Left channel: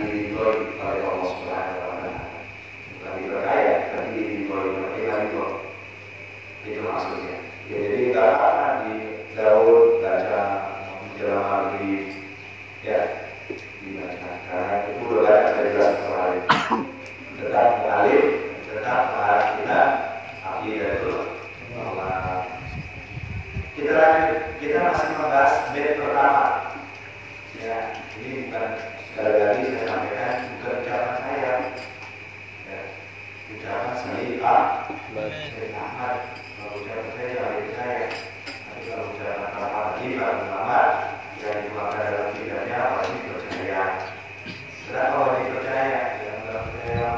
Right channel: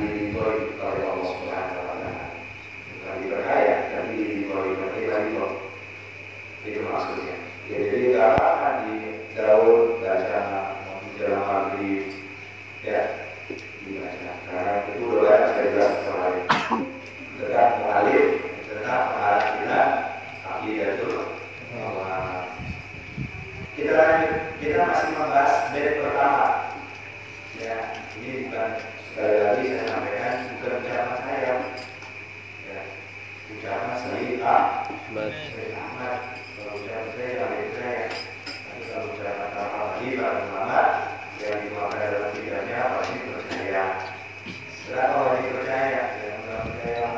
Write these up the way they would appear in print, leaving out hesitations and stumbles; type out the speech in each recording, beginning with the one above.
diridhoi oleh Allah Subhanahu wa taala. Bukan diperkaya, tapi diridhoi oleh Allah. Itu maksudnya. Ya, jadi nggak apa di Daud baca menjelang maghrib, ya dibaca. Karena itu udah banyak saya jelas kemarin. Tetap mengalir, tetap mengarah kita akidatul Allah. Kita lanjut, kita masih membahas bait pertama. Ya, ini bukan sekali lagi saya sampaikan bukan ucapan saya. Ya, ucapan Sayyid Ahmad. Kalau ucapan saya jangan itu saya. Tapi kalau ucapan para ulama yang dimakan dalam tidaknya pasti percaya. Setelah kalau dipercaya, yang dalam percaya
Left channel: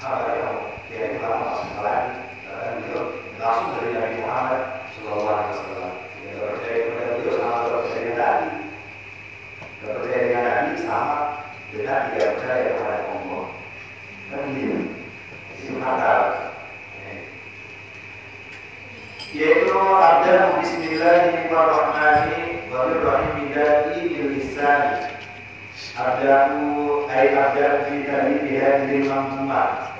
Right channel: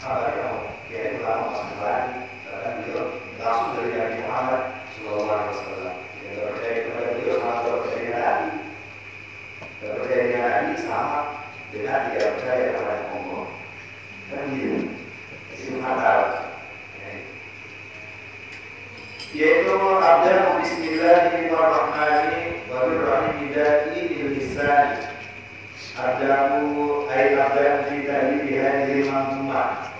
apa yang kiai ulama masalah, karena beliau langsung dari Nabi Muhammad Sallallahu Alaihi Wasallam. Yang percaya kepada beliau sama percaya Nabi. Percaya dengan Nabi sama dengan tidak percaya kepada Allah. Kan gitu. Itu akal. Yaitu abda bismillahirrahmanirrahim bidai bil lisan. Abdaku ay abda fi tadi hadhil manzumah.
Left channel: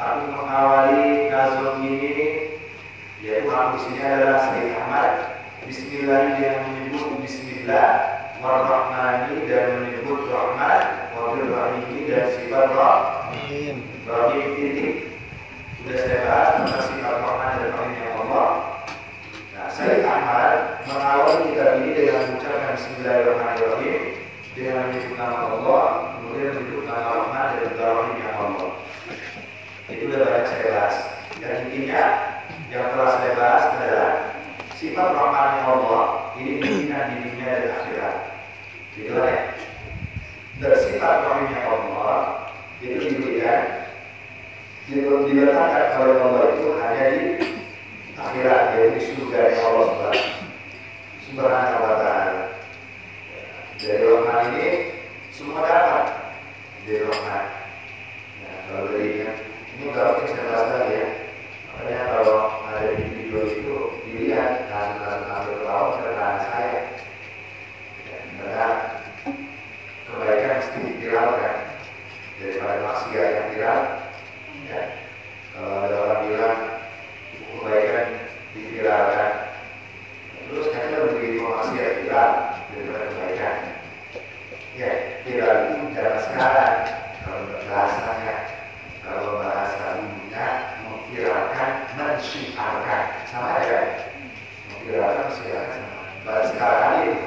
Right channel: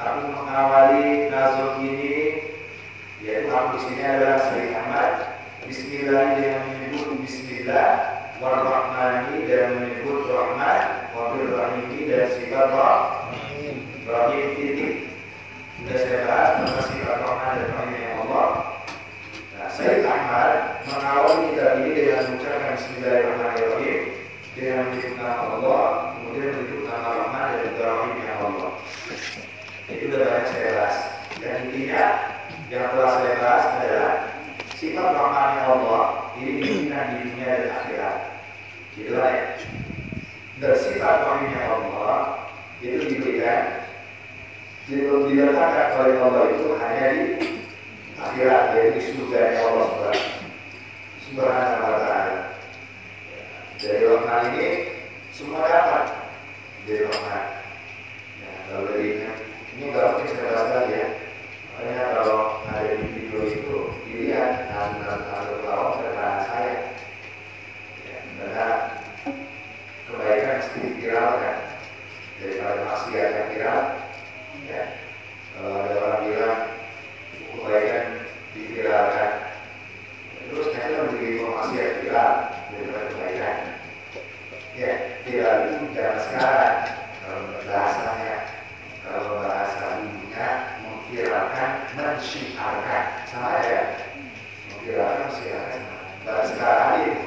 Aku mengawali nazum ini, yaitu aku di sini adalah Sayyid Ahmad. Bismillah dengan menyebut Bismillah, warahmani dan menyebut Rahman, wabil rahimi dan sifat Rahim. Rahim titik. Sudah saya bahas tentang sifat Rahman dan Rahimnya Allah. Nah, Sayyid Ahmad mengawali kitab ini dengan mengucapkan Bismillahirrahmanirrahim, dengan menyebut nama Allah, kemudian menyebut nama Rahman dan juga Rahimnya Allah. Itu sudah banyak saya bahas. Dan intinya yang telah saya bahas adalah sifat Rahmannya Allah ini bimbingan di dunia dan akhirat. Gitu lah ya. Dan sifat Rahimnya Allah itu diberikan, diletakkan oleh Allah itu hanya di akhirat, yaitu di surga Allah Subhanahu wa taala. Dari Rahman ini semua dapat dari Rahman. Ya, kalau dari ini berarti saya bahas lagi ya. Makanya kalau ada di video itu dilihat hasil pelawak keterangan saya. Ya, karena kebaikan mesti diviralkan daripada maksiat yang viral. Ya, kalau ada orang bilang kebaikan diviralkan, terus kita menjadi informasi yang viral daripada kebaikan. Ya, viral itu bicara sekarang. Kalau bahasanya, kalau bahasa umumnya memviralkan, mensyiarkan, sama aja. Memviralkan, mensyiarkan, bahasa sekarang ini.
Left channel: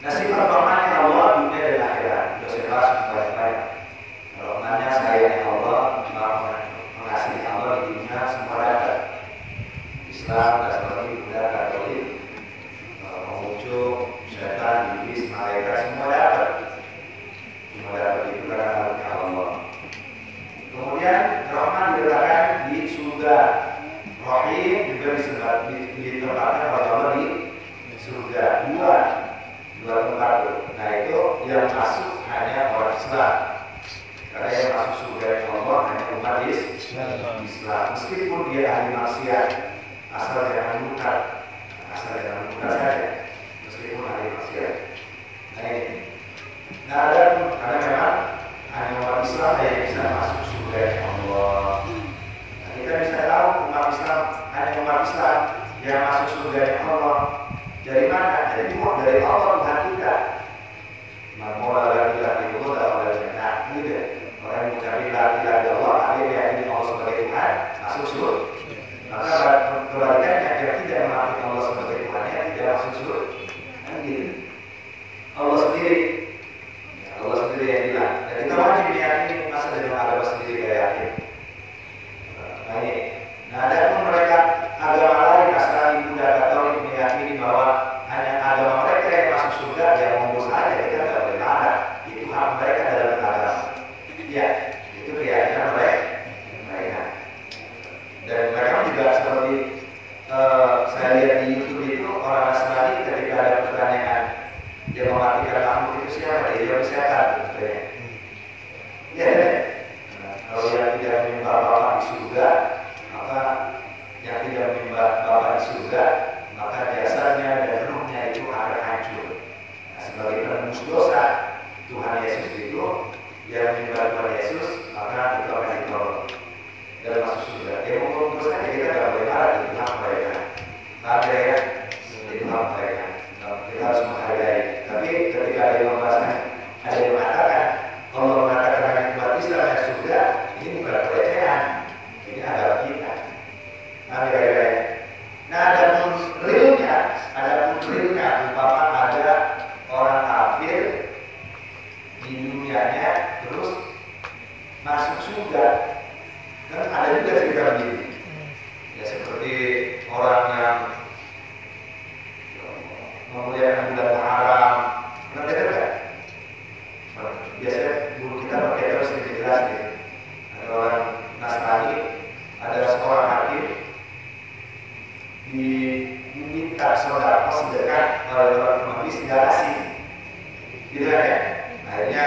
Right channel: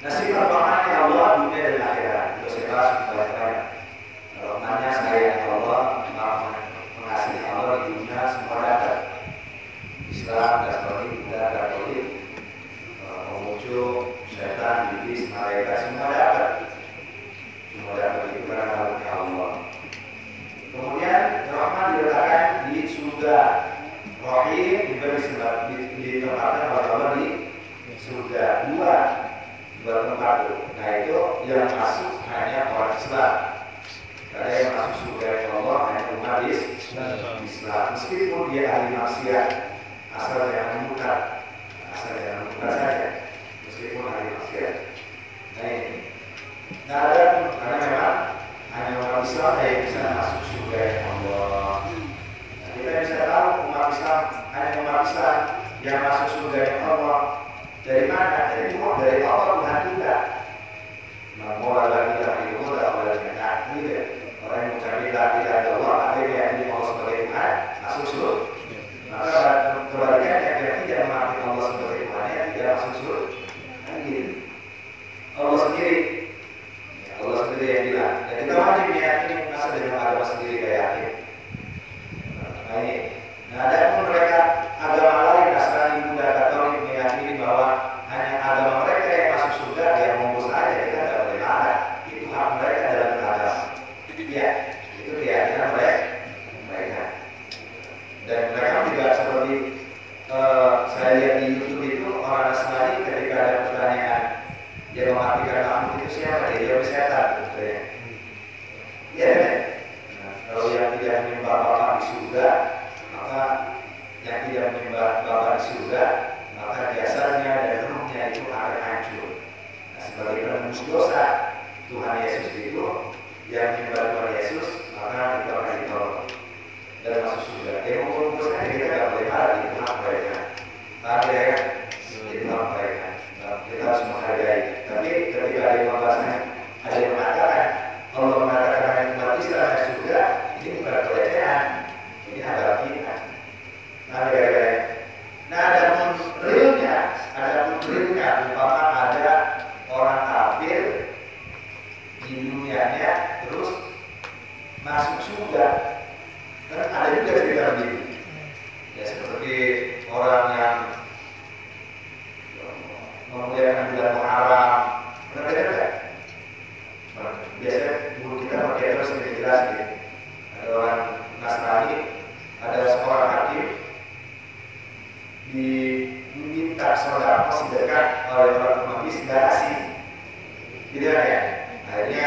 Nah, sifat Rahmannya Allah dunia dan akhirat. Itu saya bahas banyak-banyak. Rahmannya sayangnya Allah, mengasihi Allah di dunia semua dapat. Islam, Katolik, Buddha, Katolik, Konghucu, Syaitan, Iblis, malaikat semua dapat. Semua dapat itu karena rahmatnya Allah. Kemudian Rahman diletakkan di surga. Rahim juga ditempatkan oleh Allah di surga. Dua tempat itu. Nah itu yang masuk hanya orang Islam. Karena yang masuk surga Allah hanya umat Islam. Meskipun dia ahli maksiat, asal jangan murtad saja. Meskipun ahli maksiat. Nah ini. Nah ada karena memang hanya umat Islam yang bisa masuk surga Allah. Nah, kita bisa tahu umat Islam hanya umat Islam yang masuk surga Allah. Dari mana? Dari Allah Tuhan kita. Maka lagi itu mudah oleh jannah. Gitu. Orang yang mengucapkan la ilaha illallah, akhirnya meyakini Allah sebagai Tuhan, masuk surga. Maka kebalikannya yang tidak mengakui Allah sebagai Tuhannya tidak masuk surga. Kan gitu. Allah sendiri yang bilang. Dan kita wajib meyakini masa dengan agama sendiri kita yakin. Nah, ada pun mereka agama lain, Nasrani, Buddha, Katolik meyakini bahwa hanya agama mereka yang masuk surga, yang monggo saja, kita tidak boleh marah. Itu hak mereka dalam agama. Ya, itu keyakinan mereka. Dan mereka juga seperti saya lihat di YouTube itu orang Nasrani ketika ada pertanyaan yang mematikan makhluk itu siapa? Dia jawab setan. Ya, kalau yang tidak menyembah Bapa di surga, maka yang tidak menyembah Bapa di surga, maka jasanya dan ruhnya itu akan hancur. Nah, sebagai penembus dosa Tuhan Yesus itu, yang menyembah Tuhan Yesus, maka itu akan ditolong dan masuk surga. Dia mau dosa, kita nggak boleh marah, itu hak mereka. Maaf ya, itu hak mereka. Kita harus menghargai. Tapi ketika ada yang membahasnya, ada yang mengatakan Allah mengatakan hanya umat Islam yang surga, ini bukan pelecehan, ini adalah kita. Nah, ada pun realnya, umpama ada orang kafir di dunianya terus masuk surga, kan ada juga cerita begitu. Ya seperti orang yang memuliakan bulan Muharram, pernah dengar kan? Biasanya guru kita pakai terus lebih jelas gitu. Ada orang Nasrani, ada seorang hakim diminta saudara sedekah oleh orang pengemis nggak asing, gitu kan ya. Akhirnya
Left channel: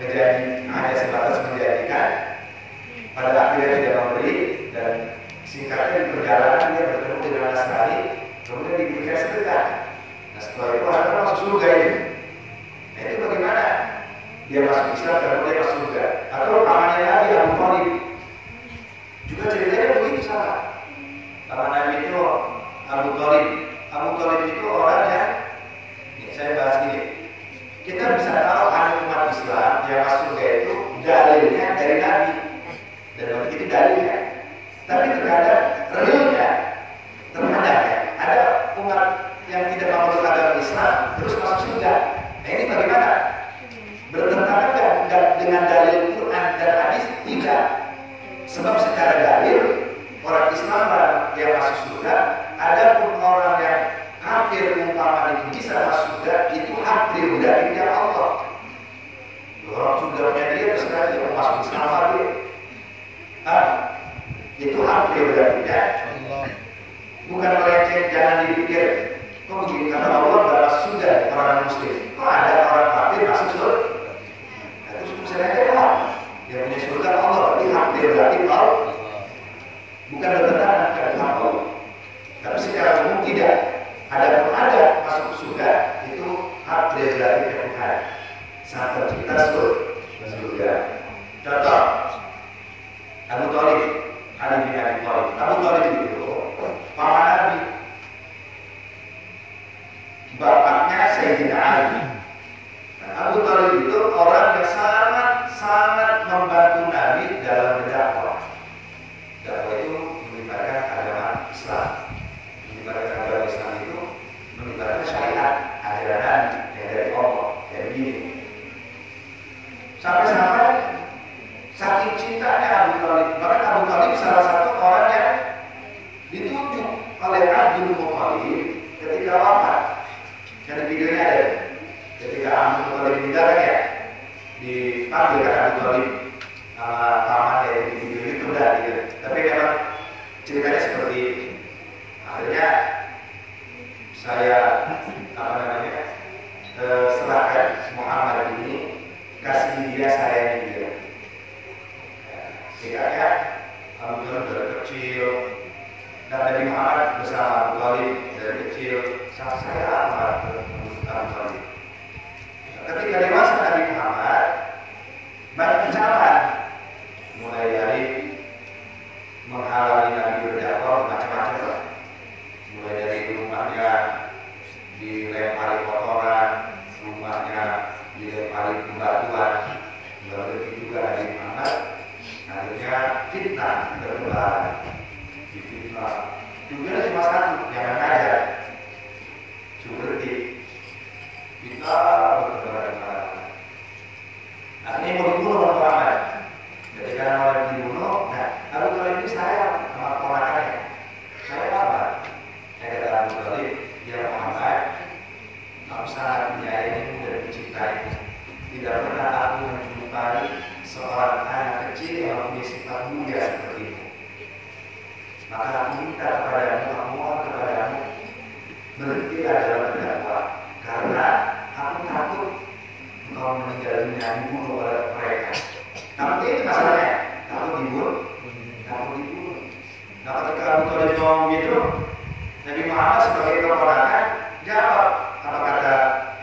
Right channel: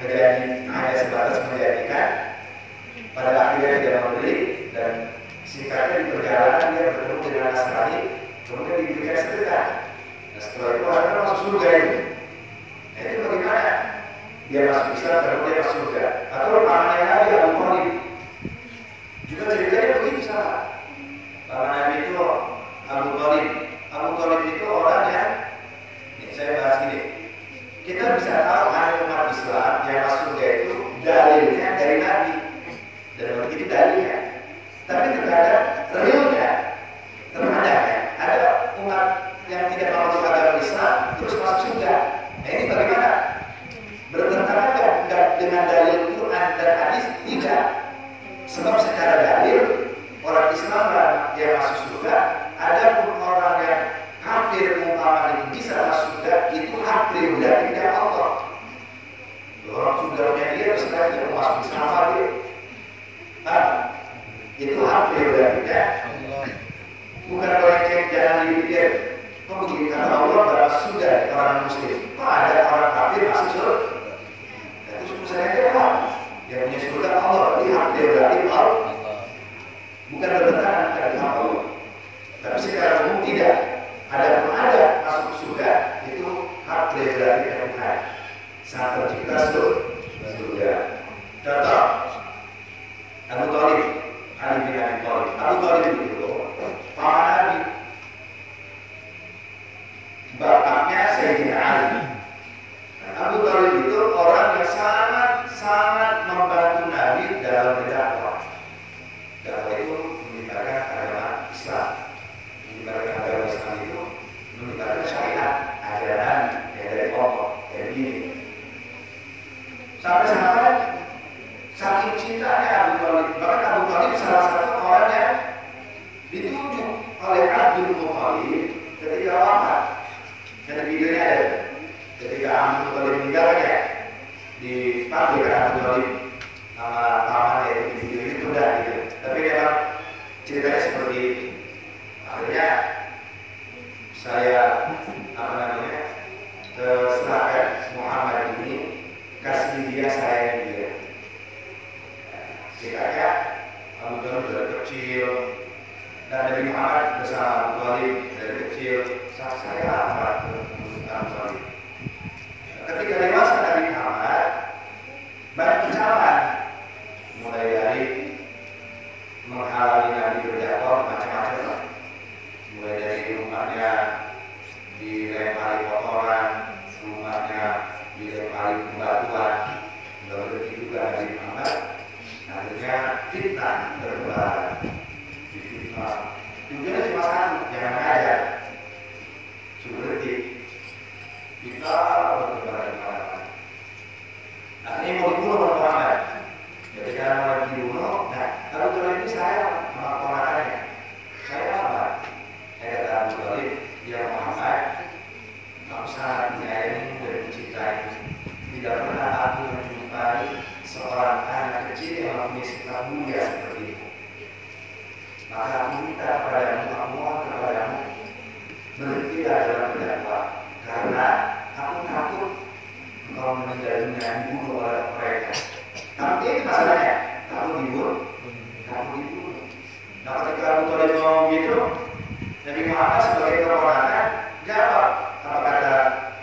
menjadi hanya sebatas menjadikan, pada akhirnya dia memberi dan singkatnya di perjalanan dia bertemu dengan Nasrani, kemudian diberikan sedekah. Nah setelah itu akhirnya masuk surga itu. Nah itu bagaimana? Dia masuk Islam kemudian dia masuk surga. Atau pamannya Nabi Abu Thalib juga ceritanya begitu sama. Paman Nabi itu Abu Thalib. Abu Thalib itu orang yang, saya bahas gini, kita bisa tahu hanya umat Islam yang masuk surga itu dalilnya dari Nabi, dan begitu dalilnya. Tapi terkadang realnya terkadang ya, ada umat yang tidak memeluk agama Islam terus masuk surga. Nah ini bagaimana? Bertentangan dengan dalil Quran dan hadis? Tidak. Sebab secara dalil orang Islam yang masuk surga, ada pun orang yang kafir umpama itu bisa masuk surga, itu hak prerogatifnya Allah. Orang surganya dia terserah dia mau masuk Islam lagi. Itu hak prerogatifnya. Bukan melenceng, jangan dipikir kok begini kata Allah berapa surga orang muslim. Kok ada orang kafir masuk surga? Nah, itu sebenarnya Allah yang punya surga Allah, tapi hak prerogatif Allah. Bukan bertentangan dengan hak Allah. Tapi secara umum tidak. Ada masuk surga itu hak prerogatif yang Tuhan. Saat tercipta surga. Contoh Abu Thalib, Ali bin Abi Thalib. Abu Thalib itu paman Nabi, bapaknya Sayyidina Ali. Nah, Abu Thalib itu orang yang sangat membantu Nabi dalam berdakwah. Dakwah itu menyebarkan agama Islam. Menyebarkan agama Islam itu menyebarkan syariat, ajaran Nabi yang dari Allah, yang begini. Sampai-sampai saking cintanya Abu Thalib, bahkan Abu Thalib salah satu orang yang ditunjuk oleh Abdul Muthalib ketika wafat. Karena videonya ada. Ketika Abdul Muthalib meninggal kan ya, dipanggil kan Abu Thalib nama pamannya itu di video itu udah gitu. Tapi memang ceritanya seperti itu. Akhirnya saya serahkan Muhammad ini, kasih dia, sayangin dia. Singkatnya Abu Thalib dari kecil, dan Nabi Muhammad bersama Abu Thalib dari kecil, saya amat Abu Thalib. Ketika dewasa Nabi Muhammad banyak kecaman, mulai dari menghalangi Nabi berdakwah macam-macam lah. Mulai dari rumahnya dilempari kotoran, rumahnya dilempari batuan, berarti juga Nabi Muhammad. Akhirnya fitnah berkembang. Fitnah tujuannya cuma satu, jangan ngajar. Seperti fitnah berkembang. Akhirnya mau dibunuh oleh Muhammad. Ketika mau dibunuh, nah Abu Thalib ini saya sama ponakannya. Saya apa? Saya kata Abu Thalib, ya Muhammad, aku sangat menyayangi dan mencintai. Tidak pernah aku menjumpai seorang anak kecil yang mempunyai sifat mulia seperti itu. Maka aku minta kepadamu, aku mohon kepadamu, berhentilah dalam berdakwah, karena aku takut engkau meninggal dunia dibunuh oleh mereka. Takut ini masalahnya, takut dibunuh. Nah ketika Abu Thalib ngomong gitu, Nabi Muhammad sebagai keponakan jawab apa kata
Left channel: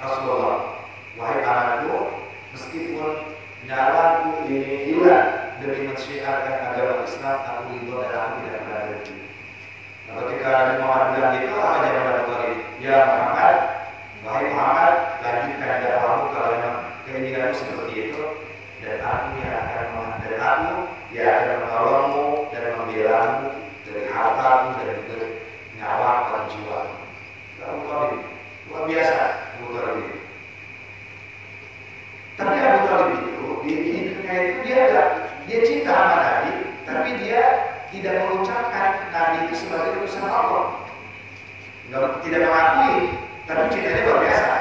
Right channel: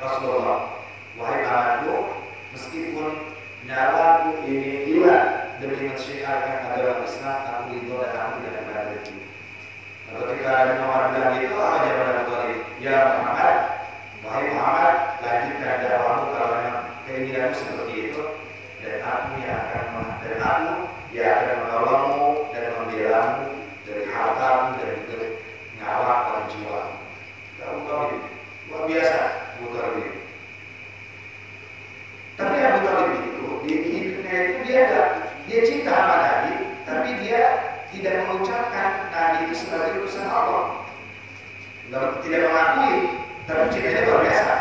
Rasulullah. Abu Thalib itu. Tapi Abu Thalib itu di hidupnya itu dia cinta sama Nabi, tapi dia tidak mengucapkan Nabi itu sebagai utusan Allah. Tidak mengakui, tapi cintanya luar biasa.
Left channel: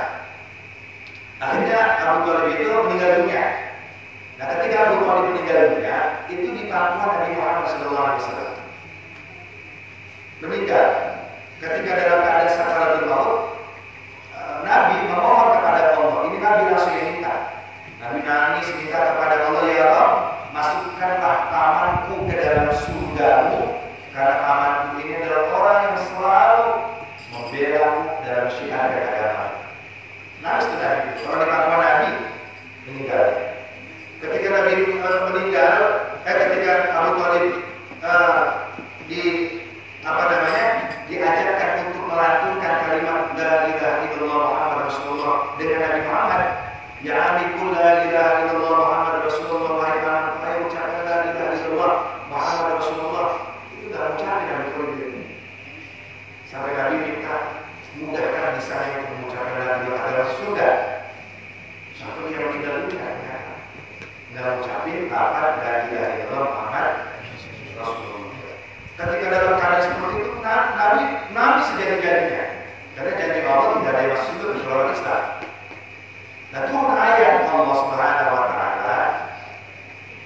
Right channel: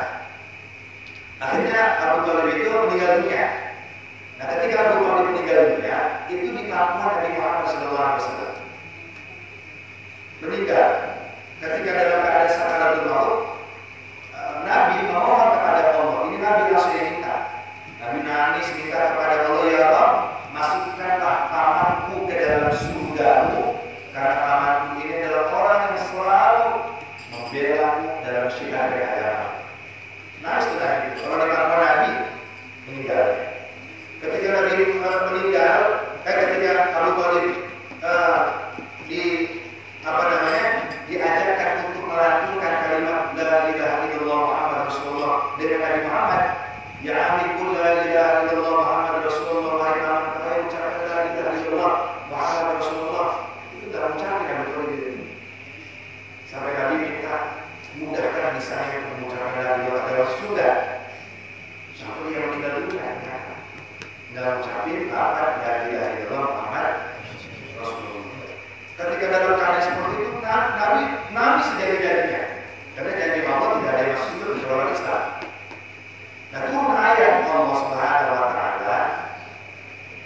Akhirnya Abu Thalib itu meninggal dunia. Nah, ketika Abu Thalib meninggal dunia, itu di pangkuan Nabi Muhammad SAW. Meninggal. Ketika dalam keadaan sakaratul maut, Nabi memohon kepada Allah. Ini Nabi langsung yang minta. Nabi nangis minta kepada Allah, ya Allah, masukkanlah pamanku ke dalam surgamu, karena pamanku ini adalah orang yang selalu membela dalam syiar agama. Nangis itu Nabi. Orang di pangkuan Nabi meninggal. Ketika Nabi meninggal, ketika Abu Thalib diajarkan untuk melantunkan kalimat la ilaha illallah Muhammad Rasulullah dengan Nabi Muhammad, ya amikul la ilaha illallah Muhammad Rasulullah, wahai paman, ayo ucapkan la ilaha illallah Muhammad Rasulullah. Itu tidak mengucapkan Nabi Thalib itu. Sampai Nabi minta mudahkan lisannya untuk mengucapkan la ilaha illallah. Sudah satu yang meninggal dunia nggak mengucapin lafaz la ilaha illallah Muhammad Rasulullah. Ketika dalam keadaan seperti itu, Nabi sejadi-jadinya, karena janji Allah tidak ada yang masuk ke dalam Islam. Nah, turun ayat Allah Subhanahu Wa Taala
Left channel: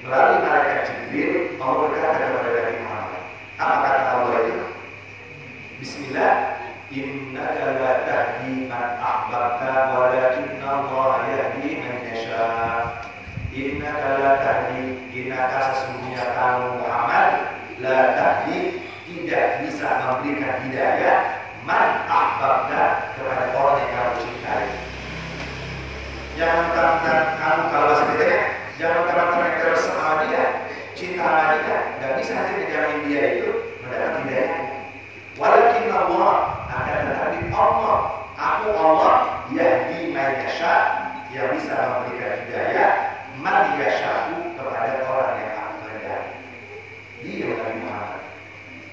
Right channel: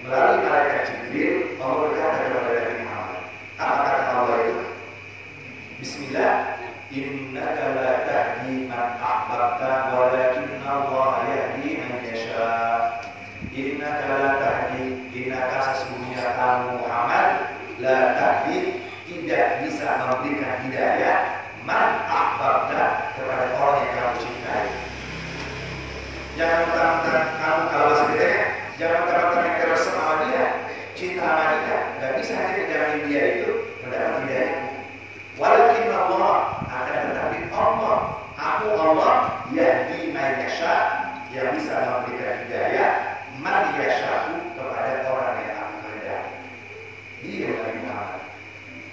melalui malaikat Jibril, Allah berkata kepada Nabi Muhammad. Apa kata Allah itu? Bismillah, innaka la tahdi man ahbabta, walakinna Allah yahdi man yasha. Innaka la tahdi, innaka sesungguhnya kamu Muhammad, la tahdi, tidak bisa memberikan hidayah, man ahbabta, kepada orang yang kamu cintai. Jangan mentang-mentang kamu, kalau bahasa kita ya, jangan mentang-mentang yang terasa sama dia, cinta sama dia, nggak bisa nanti menjamin dia itu mendapat hidayah. Walakin Allah, akan tetapi Allah, aku Allah, yahdi man yasha, yang bisa memberikan hidayah, man yashaku, kepada orang yang aku kehendaki. Dia Nabi Muhammad.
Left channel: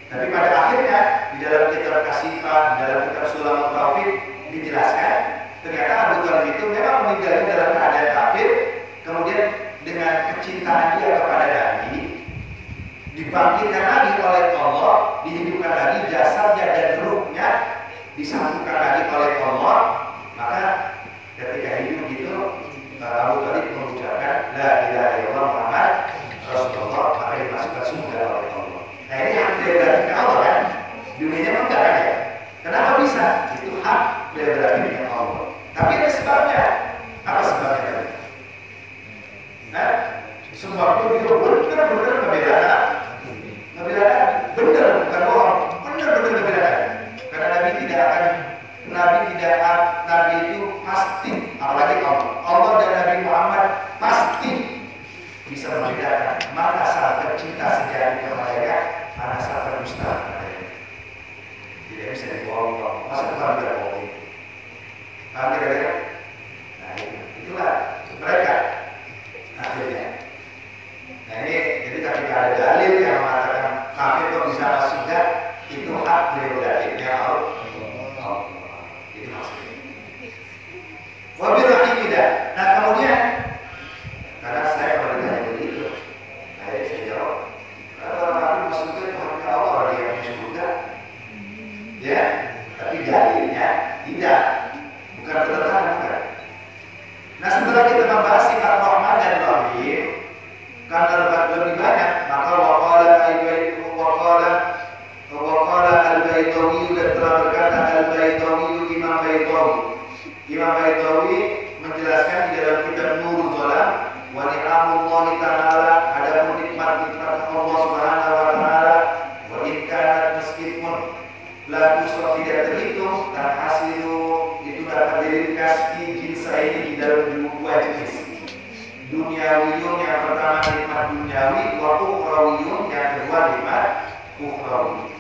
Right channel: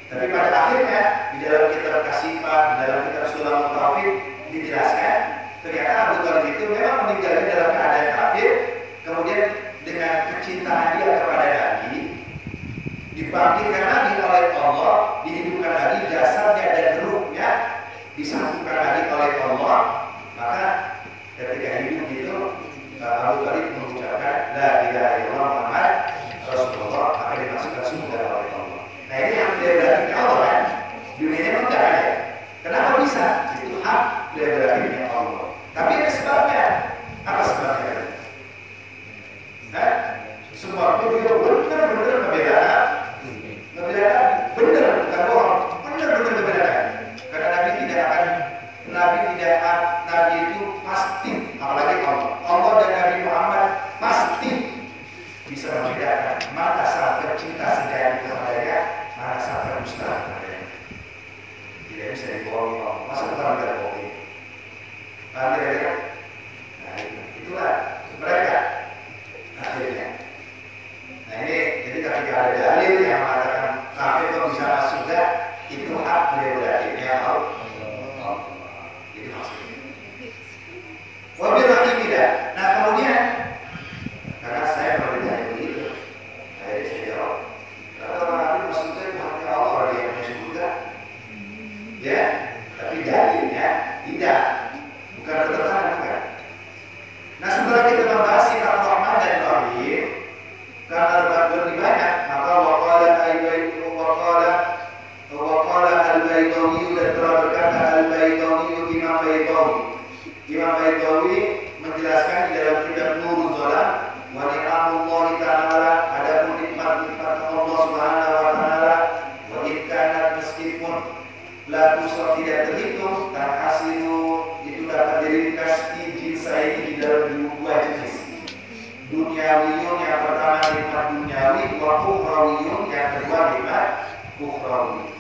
Tapi pada akhirnya di dalam kitab Kasifah, di dalam kitab Sulamul Taufik dijelaskan ternyata Abu Thalib itu memang meninggal dalam keadaan kafir, kemudian dengan kecintaan dia kepada Nabi dibangkitkan lagi oleh Allah, dihidupkan lagi jasadnya dan ruhnya disambungkan lagi oleh Allah. Maka ketika hidup itu Abu Thalib mengucapkan la ilaha illallah Muhammad Rasulullah, maka dimasukkan surga oleh Allah. Nah, ini hak prerogatifnya Allah kan? Dunianya pun enggak ada. Kenapa bisa? Itu hak prerogatifnya Allah. Tapi ada sebabnya. Apa sebabnya? Sebabnya dia benar-benar ngebedakan. Benar, bukan bohong. Benar-benar ngebedakan. Karena Nabi itu pasti, apalagi Allah dan Nabi Muhammad pasti bisa membedakan mana saat cinta sejati kepada mana saat berdusta kepada. Tidak bisa dibohongi Allah. Masa depan tidak bohongi. Paham kira-kira? Nah, itulah mereka akhirnya. Nah, ini jadi ketika ada dalil yang mengatakan kafir kok bisa masuk surga, itu hak prerogatifnya Allah. Itu maksudnya. Wabil rahimillah. Nah, kemudian karena saya pernah ditanya begitu, jadi saya jawab, atau orang masuknya Tuhan Allah, orang yang masuk surga, ya, tapi dalilnya tidak, bukan bertentangan kan. Nah, setelah kita membahas sifat Rahman dan Rahim, karena lebih banyak, maka waqala al-Baitawi, dan telah berkata al-Baitawi, Imam Baitawi menjelaskan di dalam kitab Nurul Zalam, wa ni'amullahi ta'ala, ada nikmat-nikmat Allah Subhanahu wa ta'ala, wa in kanat, meskipun la tusra, tidak terhitung, tanhasilu, itu dapat diringkas di jinsa ini di dalam dua jenis. Duniawiyun, yang pertama nikmat duniawi, wa ukhrawiyun, yang kedua nikmat ukhrawi.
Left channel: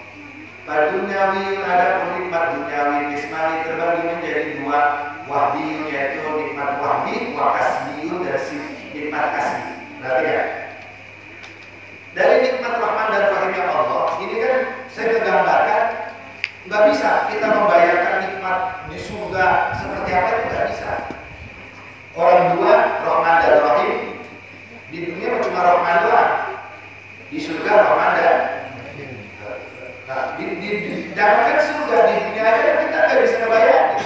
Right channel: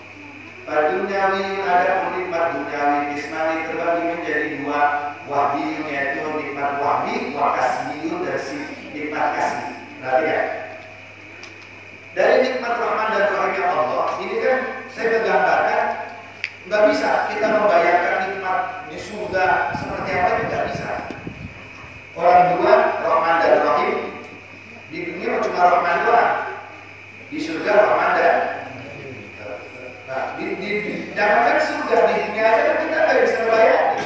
Pada duniawi ada nikmat duniawi kismani terbagi menjadi dua, wahdiyun yaitu nikmat wahdi, wa kasbiyun dan nikmat kasbi. Perhatikan. Dari nikmat Rahman dan Rahimnya Allah, ini kan saya menggambarkan nggak bisa kita membayangkan nikmat nikmat di surga seperti apa itu nggak bisa. Orang dua, Rahman dan Rahim, di dunia cuma Rahman doang, di surga Rahman dan jangankan surga, di dunia aja kita nggak bisa ngebayangin.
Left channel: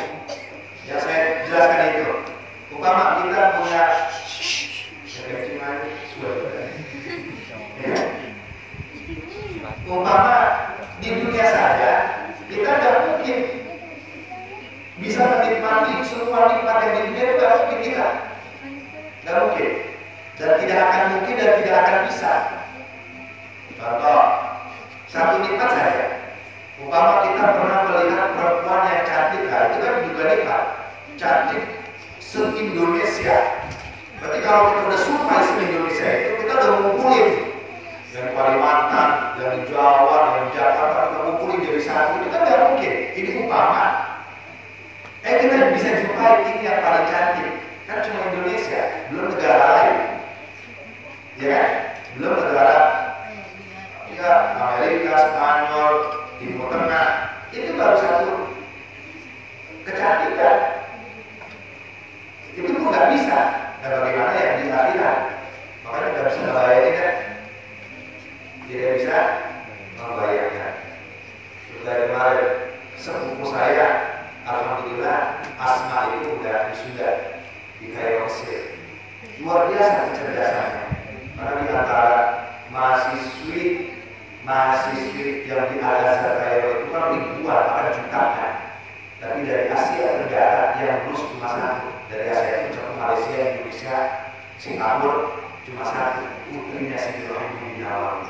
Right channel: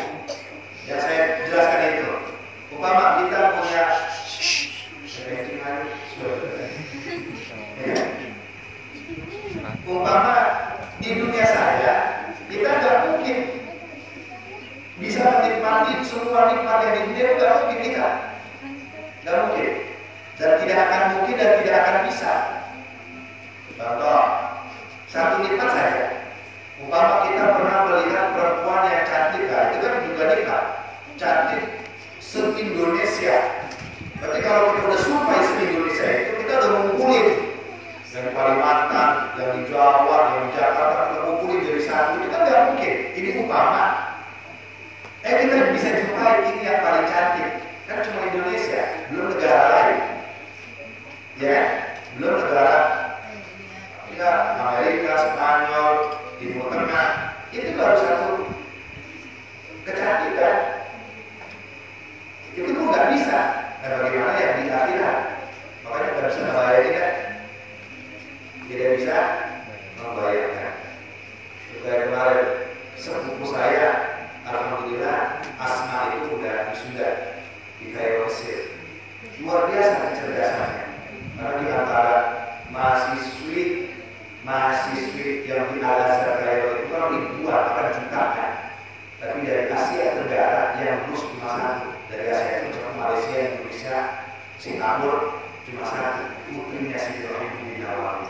Yang saya jelaskan itu, umpama kita punya umpama di dunia saja kita nggak mungkin bisa menikmati semua nikmat yang di dunia, itu nggak mungkin kita, nggak mungkin, dan tidak akan mungkin dan tidak akan bisa. Contoh satu nikmat saja, umpama kita pernah melihat perempuan yang cantik, nah itu kan juga nikmat, cantik se-Indonesia. Berarti kalau kita udah sumpah se-Indonesia itu, kita udah ngumpulin yang di Kalimantan, yang di Jawa, yang di Jakarta, kita ngumpulin jadi satu. Itu kan nggak mungkin. Ini umpama. Kita bisa jumpai ini yang paling cantik. Kan cuma Indonesia, belum negara lain. Ya kan? Belum negara ya Amerika, Spanyol, Timur Tengah. Itu baru satu kecantikan. Itu pun nggak bisa. Nah bagaimana yang di akhirat? Makanya nggak bisa ngebayangin kan? Tidak bisa membayangkan. Seperti kemarin sepupu saya, alhamdulillah Asma itu udah wisuda di Kairo Mesir. Luar biasa kecerdasannya. Karena di antara mahasiswi yang di Al-Azhar Kairo itu kan ribuan, bahkan jutaan. Tapi dari Asia Tenggara yang lulus cuma satu. Dari Asia itu cuma Malaysia, Indonesia, Singapura cuma satu. Putrinya Siti Rohingya Nawang.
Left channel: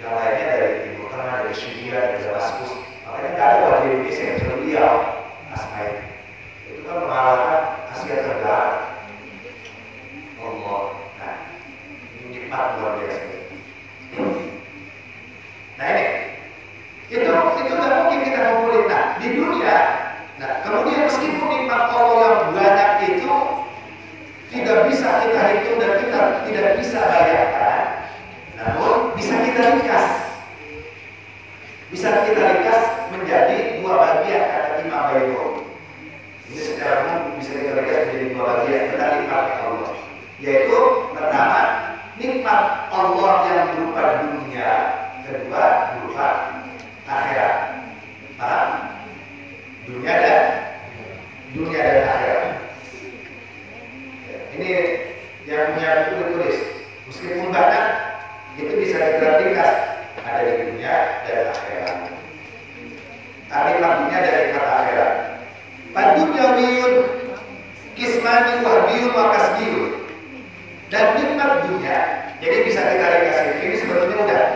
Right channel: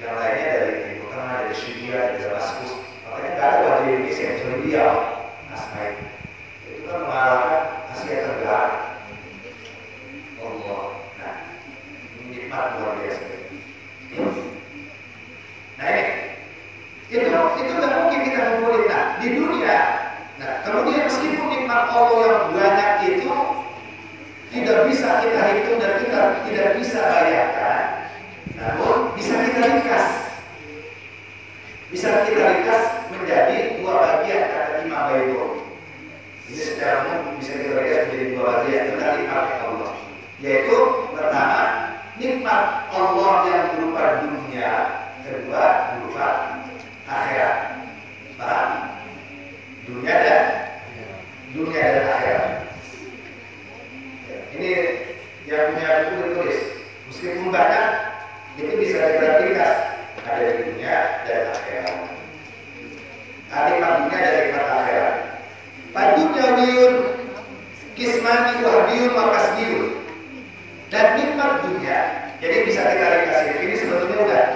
Yang lainnya dari Timur Tengah, dari Syria, dari Damaskus. Makanya nggak ada wajah Indonesia yang kecuali beliau, Asma itu kan mengalahkan Asia Tenggara. Allah, nah nikmat luar biasa. Nah ini, itu nggak mungkin kita ngumpulin. Nah di dunia, nah kemudian meskipun nikmat Allah yang banyak itu tidak bisa kita hitung dan kita tidak bisa bayangkan, namun bisa kita ringkas. Bisa kita ringkas menjadi dua bagian, kata Imam Baydawi. Ini secara umum bisa kita ringkas menjadi dua bagian tentang nikmat Allah. Yaitu pertama, nikmat Allah yang berupa dunia, kedua berupa akhirat. Paham? Dunia dan akhirat. Ini yang punya buku tertulis. Meskipun banyak, itu bisa kita ringkas. Ada di dunia dan akhirat. Nikmat dunia dan nikmat akhirat. Padunyawiyun kismani wahdiyun wa kasbiyun. Dan nikmat dunia, jadi bisa kita ringkas. Ini sebetulnya udah.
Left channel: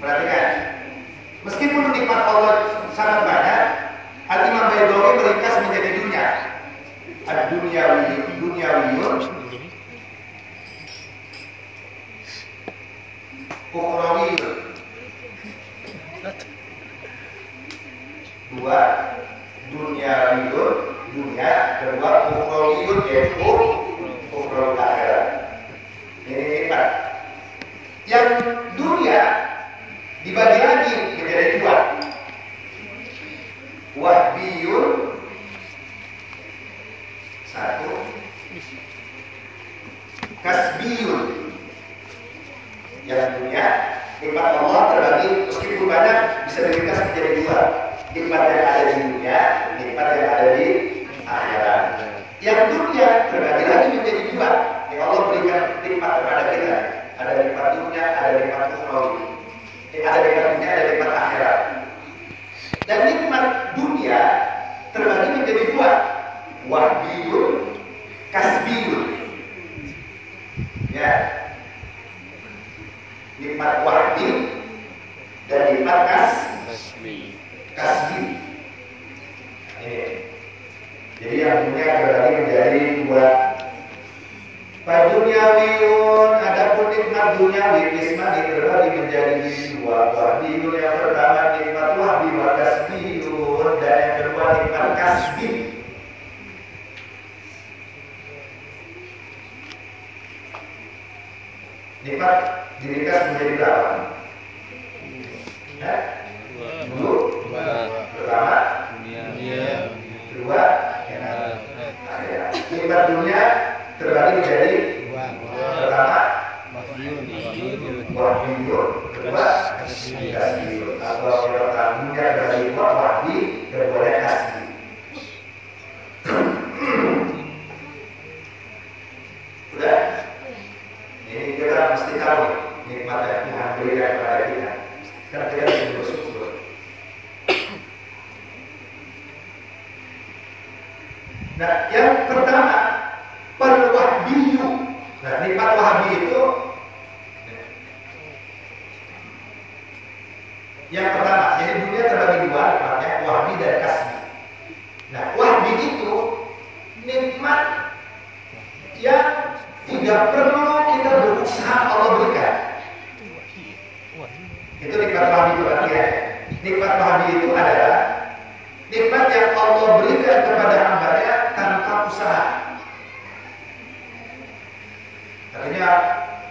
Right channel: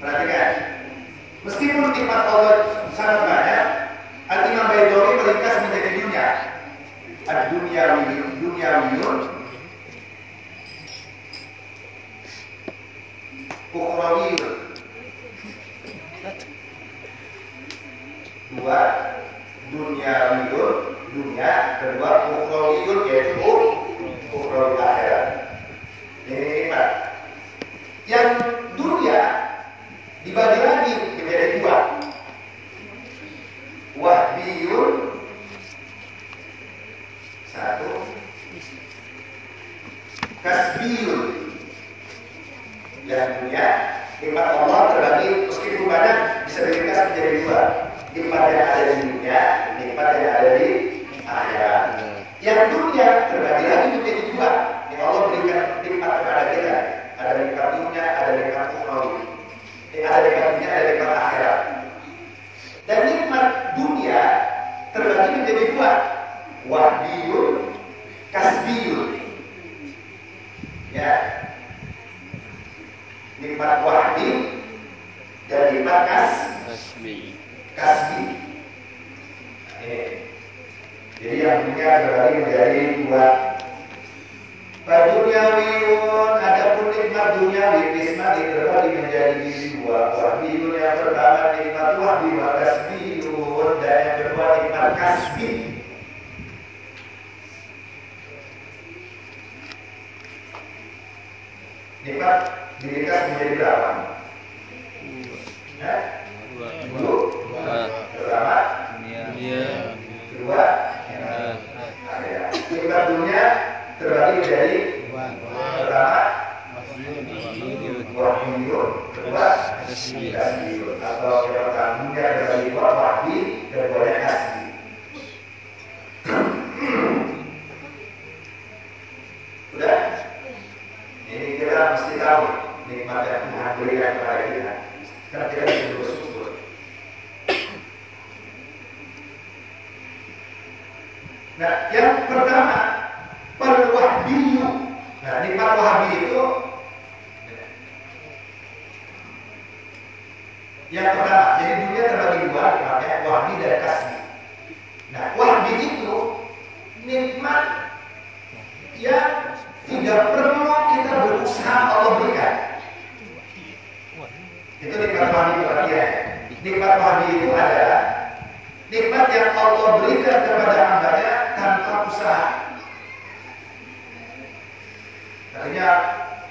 Perhatikan. Meskipun nikmat Allah sangat banyak, Al-Imam Baydawi meringkas menjadi dunia. Dunyawiyun ukhrawiyun. Dua, dunyawiyun, dunia, kedua ukhrawiyun, yaitu ukhrawi akhirat. Ini nikmat. Yang dunia dibagi lagi menjadi dua. Wahdiyun satu, kasbiyun. Yang dunia, nikmat Allah terbagi meskipun banyak bisa diringkas menjadi dua. Nikmat yang ada di dunia, nikmat yang ada di akhirat. Yang dunia terbagi lagi menjadi dua. Yang Allah berikan nikmat kepada kita. Ada nikmat dunia, ada nikmat ukhrawi. Ada nikmat dunia, ada nikmat akhirat. Dan nikmat dunia terbagi menjadi dua. Wahdiyun, kasbiyun. Ya. Nikmat wahdi dan nikmat kasbi. Ini. Jadi yang dunia terbagi menjadi dua. Padunyawiyun, adapun nikmat duniawi kismani terbagi menjadi dua. Wahdiyun yang pertama nikmat wahdi wa kasbiyun, dan yang kedua nikmat kasbi. Nikmat diringkas menjadi berapa? Dua. pertama dunia, kedua akhirat. Nikmat dunia terbagi menjadi pertama wahdiyun, kedua kasbiyun. Atau yang pertama dunia terbagi dua, wahdi, keduanya kasbi. Udah? Ini kita mesti tahu nikmat yang Tuhan berikan kepada kita. Karena kita bisa bersyukur. Nah, yang pertama al-wahdiyu. Nah, nikmat wahdi itu yang pertama. Jadi dunia terbagi dua, nikmatnya wahdi dan kasbi. Nah, wahdi itu nikmat yang tidak perlu kita berusaha Allah berikan. Itu nikmat wahdi itu artinya. Nikmat wahdi itu adalah nikmat yang Allah berikan kepada hambanya tanpa usaha. Artinya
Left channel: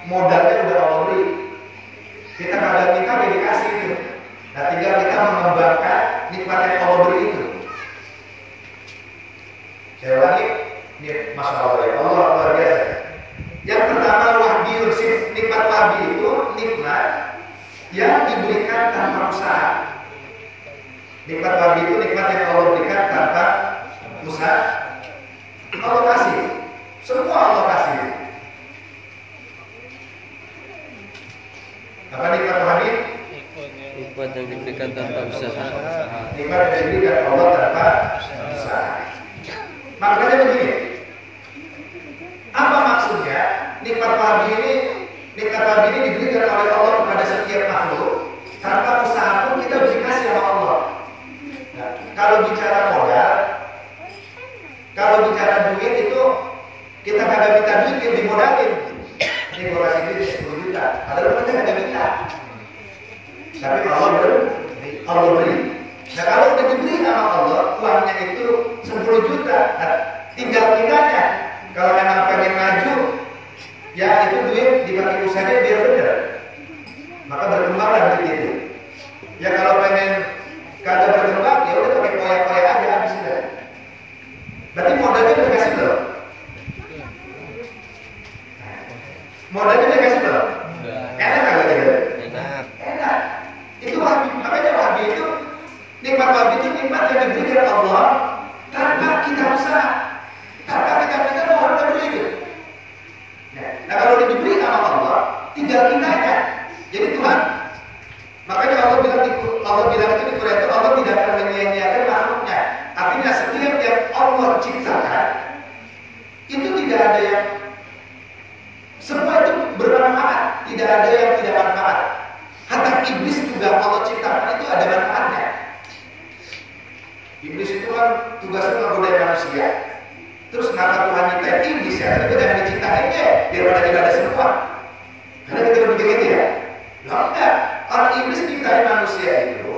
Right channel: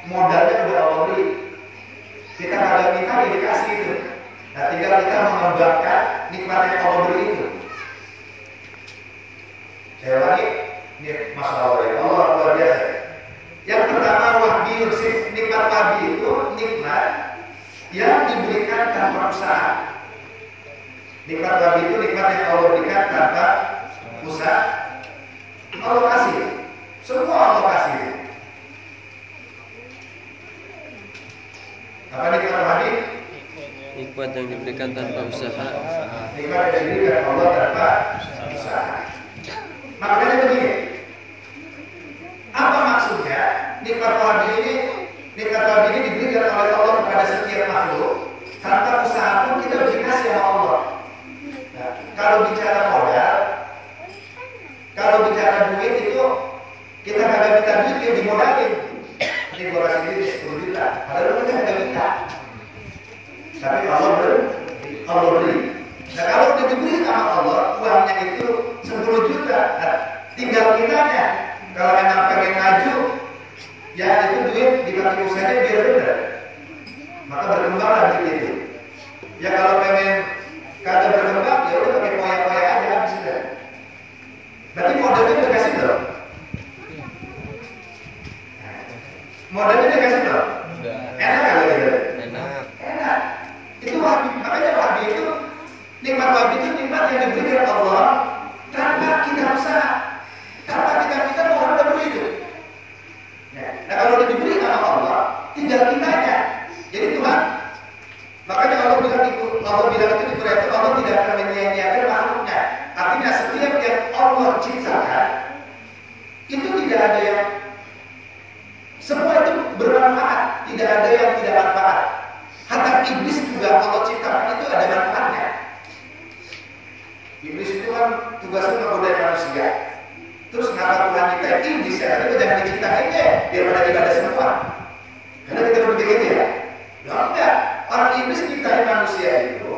modalnya udah Allah beri. Kita kagak minta dia dikasih itu. Nah, tinggal kita mengembangkan nikmat yang Allah beri itu. Saya ulangi, ini Masya Allah ya Allah luar biasa. Yang pertama wahdi, nikmat wahdi itu nikmat yang diberikan tanpa usaha. Nikmat wahdi itu nikmat yang Allah berikan tanpa usaha. Allah kasih, semua Allah kasih. Apa nikmat wahdi? nikmat yang diberikan tanpa usaha. Nikmat yang diberikan Allah tanpa usaha. Makanya begini, apa maksudnya nikmat wahdi ini? Nikmat wahdi ini diberikan oleh Allah kepada setiap makhluk tanpa usaha pun kita dikasih sama Allah. Nah, kalau bicara modal, kalau bicara duit itu kita kagak minta duit, dia dimodalin. Ini gua kasih duit 10 juta, padahal kita kagak minta. Tapi Allah beri. Nah, kalau udah diberi sama Allah, uangnya itu 10 juta. Nah, tinggal kitanya. Kalau memang pengen maju, ya itu duit dipakai usahanya biar benar. Maka berkembanglah duit itu. Ya kalau pengen kagak berkembang, ya udah pakai poya-poya aja habis udah. Berarti modalnya udah kasih belum? Modalnya udah kasih belum? Enak kagak gitu? Enak. Itu wahbi, makanya wahbi itu nikmat wahbi itu nikmat yang diberikan Allah tanpa kita usaha, tanpa kita minta Tuhan udah beri itu. Nah kalau udah diberi sama Allah, tinggal kitanya. Jadi Tuhan, makanya Allah bilang itu di Quran itu Allah tidak akan menyia-nyiakan makhluknya. Artinya setiap yang Allah ciptakan itu tidak ada yang, semua itu bermanfaat, tidak ada yang tidak manfaat. Hatta iblis juga Allah ciptakan itu ada manfaatnya. Iblis itu kan tugasnya menggoda manusia. Terus kenapa Tuhan nyiptain iblis ya? Tapi jangan diciptain ya, biar pada ibadah semua. Karena kita berpikir gitu ya. Lah enggak, orang iblis nyiptain manusia itu,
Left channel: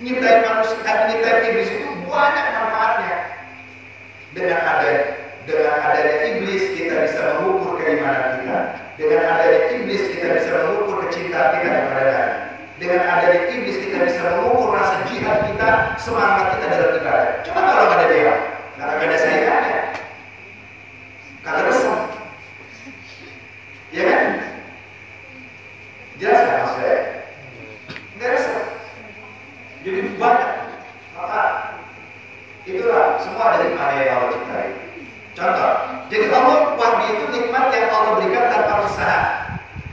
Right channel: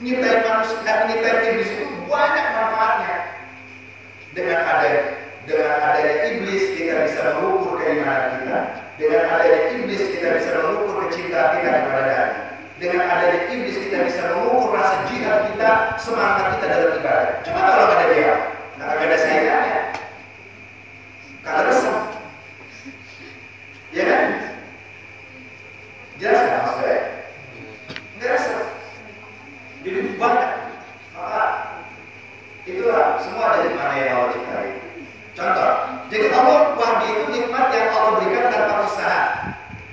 nyiptain iblis itu banyak manfaatnya. Dengan adanya iblis kita bisa mengukur keimanan kita. Dengan adanya iblis kita bisa mengukur kecintaan kita kepada Nabi. Dengan adanya iblis kita bisa mengukur rasa jihad kita, semangat kita dalam ibadah. Coba kalau nggak ada dia, nggak ada saingannya, kagak resep, ya kan? Jelas kan maksudnya? Nggak resep. Jadi banyak. Maka itulah semua dari mana yang Allah ciptai. Contoh, jadi Allah wahdi itu nikmat yang Allah berikan tanpa usaha.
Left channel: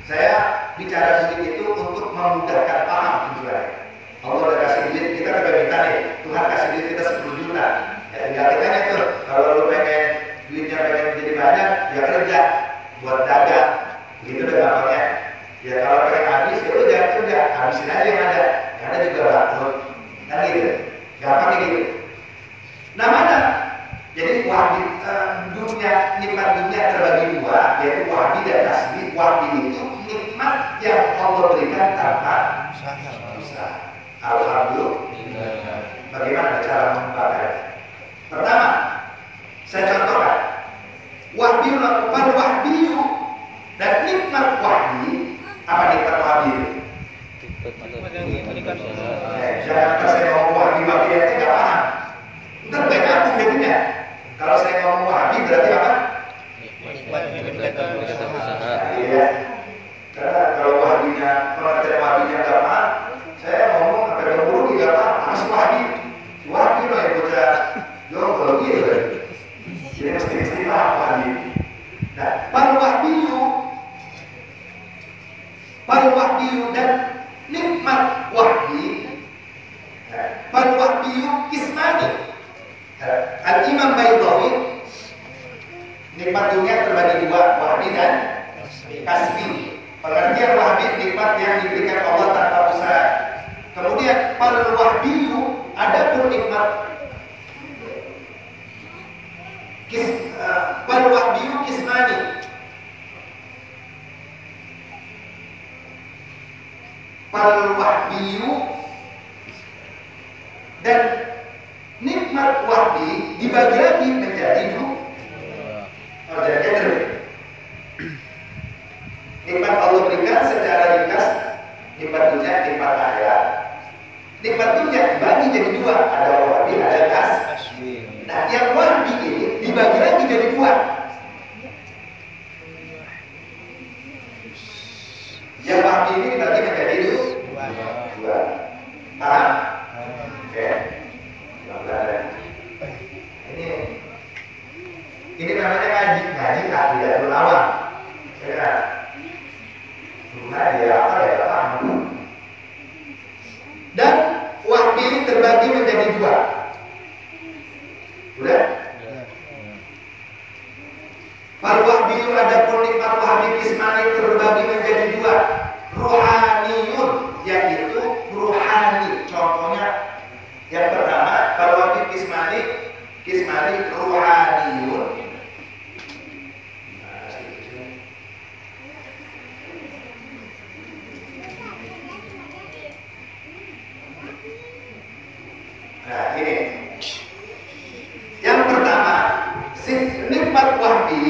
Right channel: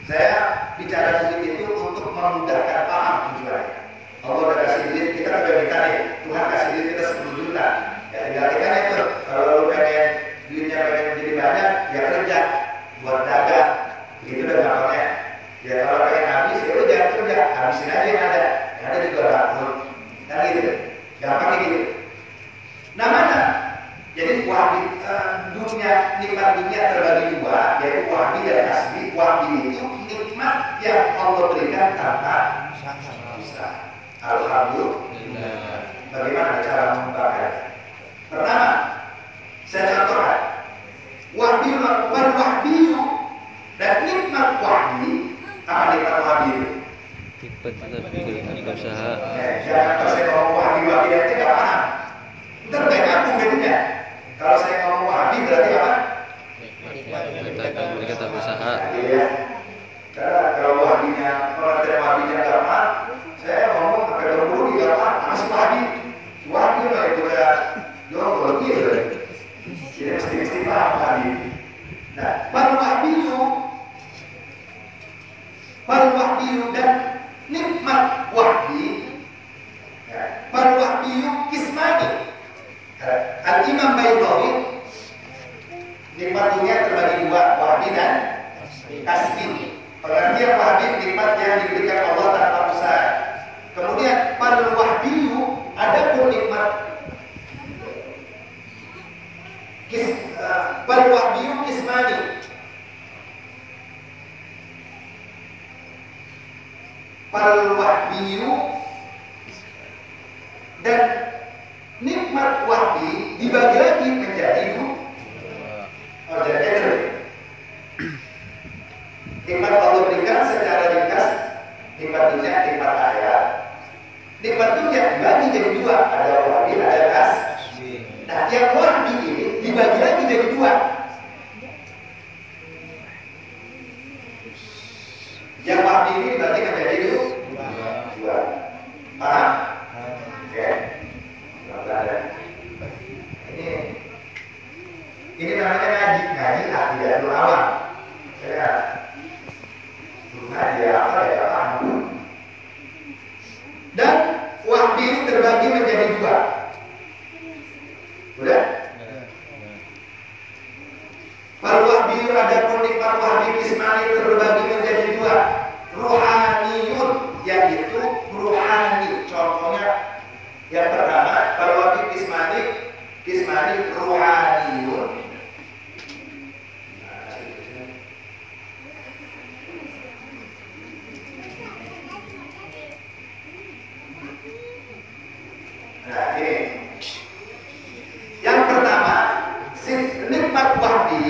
Saya bicara duit itu untuk memudahkan paham tujuannya. Allah udah kasih duit, kita juga minta nih, Tuhan kasih duit kita 10 juta. Ya tinggal kitanya tuh, kalau lu pengen duitnya pengen jadi banyak, ya kerja buat dagang. Begitu udah gampangnya. Ya kalau pengen habis, ya udah jangan kerja, habisin aja yang ada. Yang ada juga bangkrut. Kan gitu. Gampangnya gitu. Namanya jadi wahdi dunia, nikmat dunia terbagi dua, yaitu wahdi dan kasbi. Wahdi itu nikmat yang Allah berikan tanpa usaha. Alhamdulillah. Bagaimana cara mengembangkannya? Pertama, saya contohkan. Wahdiyu dan nikmat wahdi. Apa nikmat wahdi itu? Tetap berusaha. Jangan kalau saya ngomong wahabi dia nggak paham. Ntar nggak nyambung jadinya. Kalau saya ngomong wahabi berarti apa? Tetap usaha. Iya. Karena kalau wahabinya, pengertian wahabinya nggak paham, saya ngomong sampai berburu nggak paham. Apa sih wahabi? Wahabi loh yang bocah jongkol gitu. Jadi mesti paham wahabi. Nah, Wal wahbiyu dan nikmat wahbi. Wal wahbiyu kismani. Al-Imam Baydawi, nikmat dunia terbagi dua, wahbi dan kasbi. Pengertian wahbi nikmat yang diberikan Allah tanpa usaha. Kemudian wal wahbiyu adapun nikmat wal wahbiyu kismani. Wal wahbiyu dan nikmat wahbi dibagi lagi menjadi nikmat Allah berikan secara ringkas, nikmat dunia, nikmat akhirat. Nikmat dunia dibagi jadi dua, ada wahbi, ada kasbi. Nah, yang wahbi ini dibagi lagi jadi dua. Yang wahbi ini berarti menjadi dua. Paham? Oke. Ini namanya ngaji akidatul awam. Ya. Ngaji apa ya paham. Dan wahbi ini terbagi menjadi dua. Udah? Fal wahbiyu adapun nikmat wahbi kismani terbagi menjadi dua. Ruhaniyun, yaitu ruhani. Contohnya yang pertama, fal wahbi kismani ruhaniyun. Nah, ini yang pertama, nikmat wahbi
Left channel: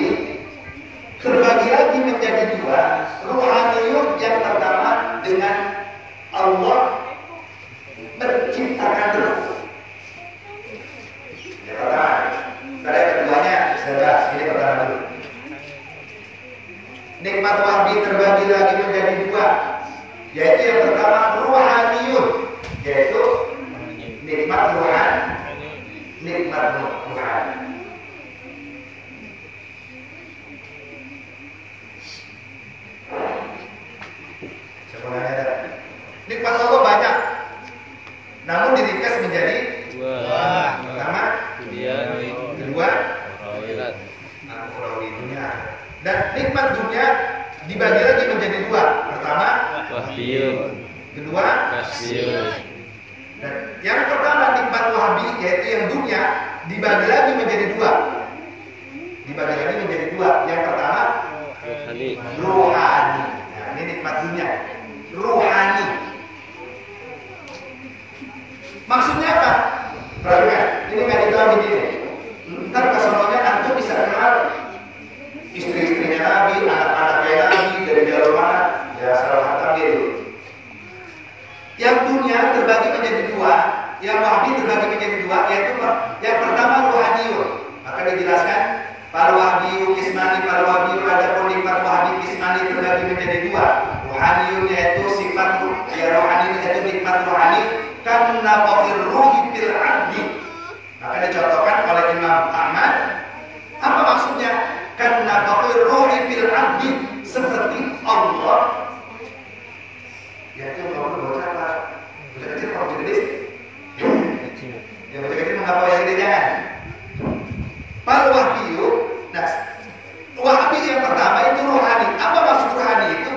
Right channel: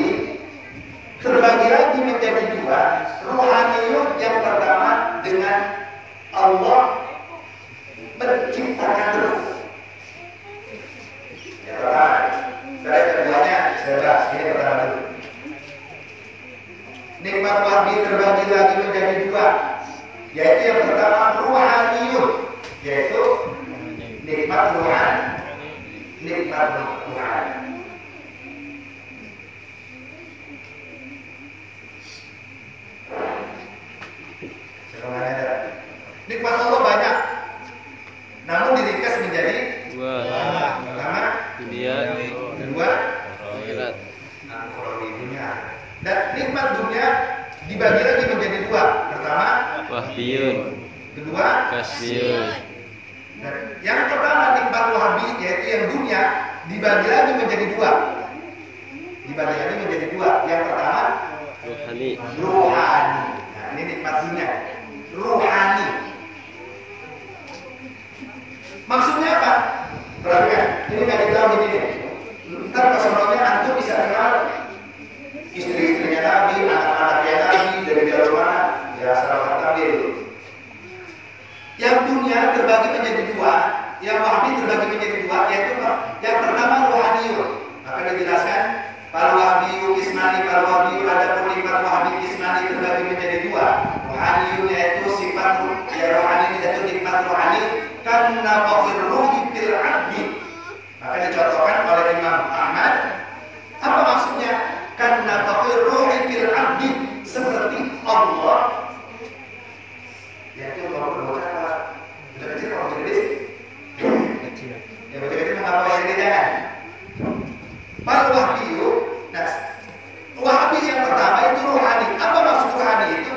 terbagi lagi menjadi dua. Ruhaniyun yang pertama dengan Allah menciptakan ruh. Yang pertama, dari keduanya saya bahas. Ini pertama dulu. Nikmat wahbi terbagi lagi menjadi dua, yaitu yang pertama ruhaniyun, yaitu nikmat ruhani. Nikmat ruhani. Sebenarnya ada nikmat Allah banyak, namun diringkas menjadi dua. Pertama Dunia, kedua akhirat. Ukhrawi, dunia. Dan nikmat dunia dibagi lagi menjadi dua. Pertama Wahbiyun, kedua kasbiyun. Dan yang pertama nikmat wahbi, yaitu yang dunia, dibagi lagi menjadi dua. Dibagi lagi menjadi dua. Yang pertama Ruhani. ruhani. Nah, ini nikmat dunia. Ruhani. Maksudnya apa? Perhatikan, ini nggak ditahu begini. Ntar kesononya antum bisa kenal istri-istrinya Nabi, anak-anaknya Nabi dari jalur mana? Ya salah hatam dia dulu. Yang dunia terbagi menjadi dua, yang wahbi terbagi menjadi dua, yaitu yang pertama ruhaniyun. Maka dijelaskan para wahbiyu kismani, para wahbiyu adapun nikmat wahbi kismani terbagi menjadi dua. Ruhaniyun yaitu sifat ya rohani, yaitu nikmat rohani karena fakir ruhi fil abdi. Maka dicontohkan oleh Imam Ahmad. Apa maksudnya? Karena fakir ruhi fil abdi, seperti Allah. Yaitu kalau bocah apa? Bocah kecil kalau bocah gede sih? Kecil. Ya bocah kecil mengapa yang gede jangan? Fal wahbiyu. Nah, wahbi yang pertama itu ruhani. Apa maksud ruhani itu?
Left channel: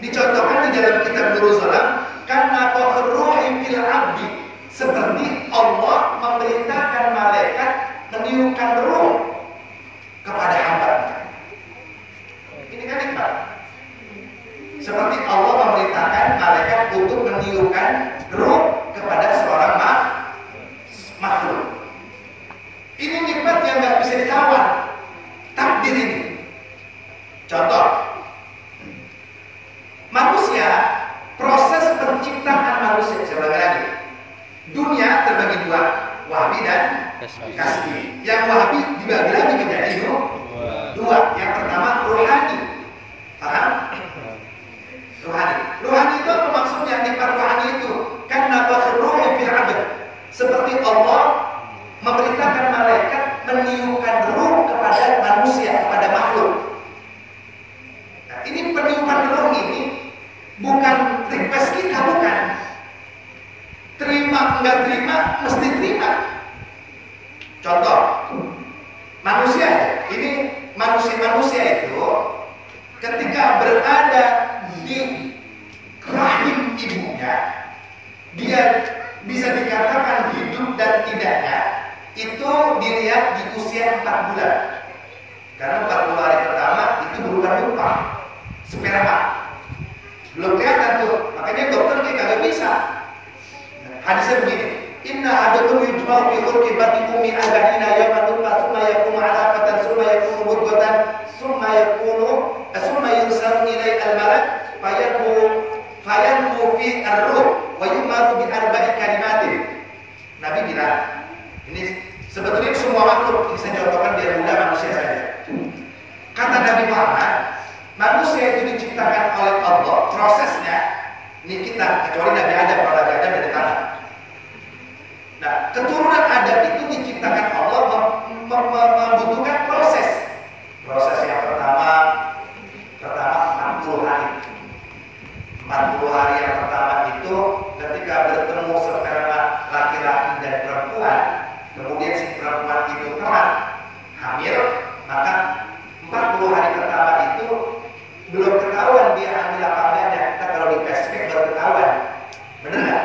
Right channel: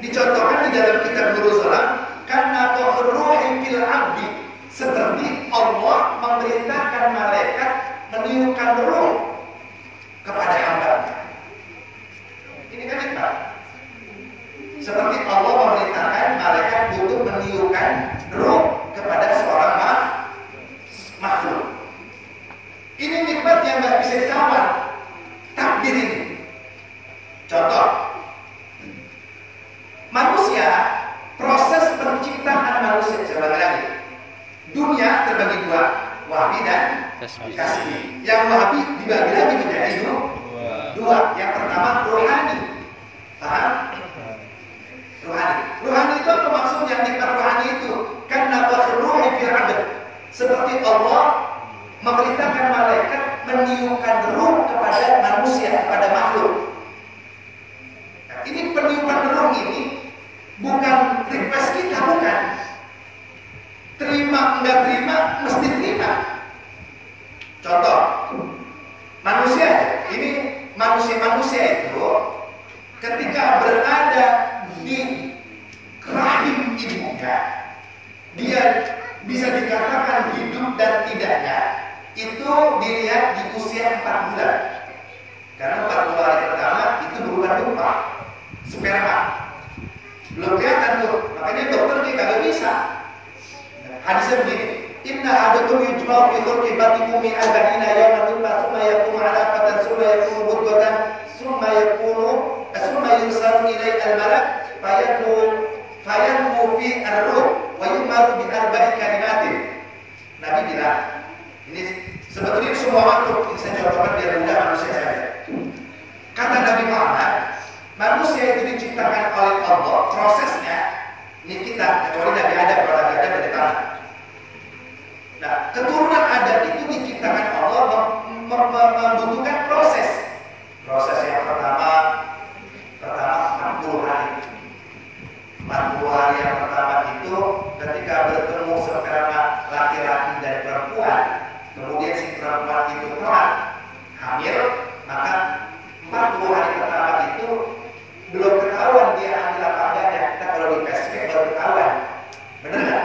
Dicontohkan di dalam kitab Nurul Salam. Karena fakir ruhi fil abdi, seperti Allah memerintahkan malaikat meniupkan ruh kepada hamba. Ini kan nikmat. Seperti Allah memerintahkan malaikat untuk meniupkan ruh kepada seorang makhluk. Ini nikmat yang nggak bisa ditawar. Takdir ini. Contoh, manusia proses saya ulangi lagi. Dunia terbagi dua, Wahabi dan Kasbi. Yang Wahabi dibagi lagi menjadi dua. Yang pertama rohani. Paham? Rohani. Rohani itu apa maksudnya? Nikmat rohani itu kan nafakhur ruhi fil 'abd. Seperti Allah memerintahkan malaikat meniupkan ruh kepada manusia, kepada makhluk. Nah, ini peniupan ruh ini bukan request kita, bukan. Terima enggak terima, mesti terima. Contoh, manusia aja. Ini manusia itu ketika berada di rahim ibunya, dia bisa dikatakan hidup dan tidaknya itu dilihat di usia 4 bulan. Karena 40 hari pertama itu berupa numpah sperma. Belum kelihatan tuh, makanya dokter kayak kagak bisa. Hadisnya begini, inna ahadukum yujma'u fi khulqi batni ummi 40 yawman thumma yakunu 'alaqatan thumma yakunu mudghatan thumma yursalu ilaihi al-malak fayanfu fi ar-ruh wa yu'maru bi arba'i kalimatin. Nabi bilang, ini sebetulnya semua makhluk, ini saya contohkan biar mudah manusia saja. Kata Nabi Muhammad, manusia itu diciptakan oleh Allah, prosesnya ini kita, kecuali Nabi Adam, kalau Nabi Adam beda tanah. Nah, keturunan Adam itu diciptakan Allah membutuhkan proses. Proses yang pertama 40 hari. 40 hari yang pertama itu ketika bertemu sperma laki-laki dan perempuan, kemudian si perempuan itu telah hamil, maka 40 hari pertama itu belum ketahuan dia hamil apa enggak. Kita kalau di flashback baru ketahuan. Bener nggak?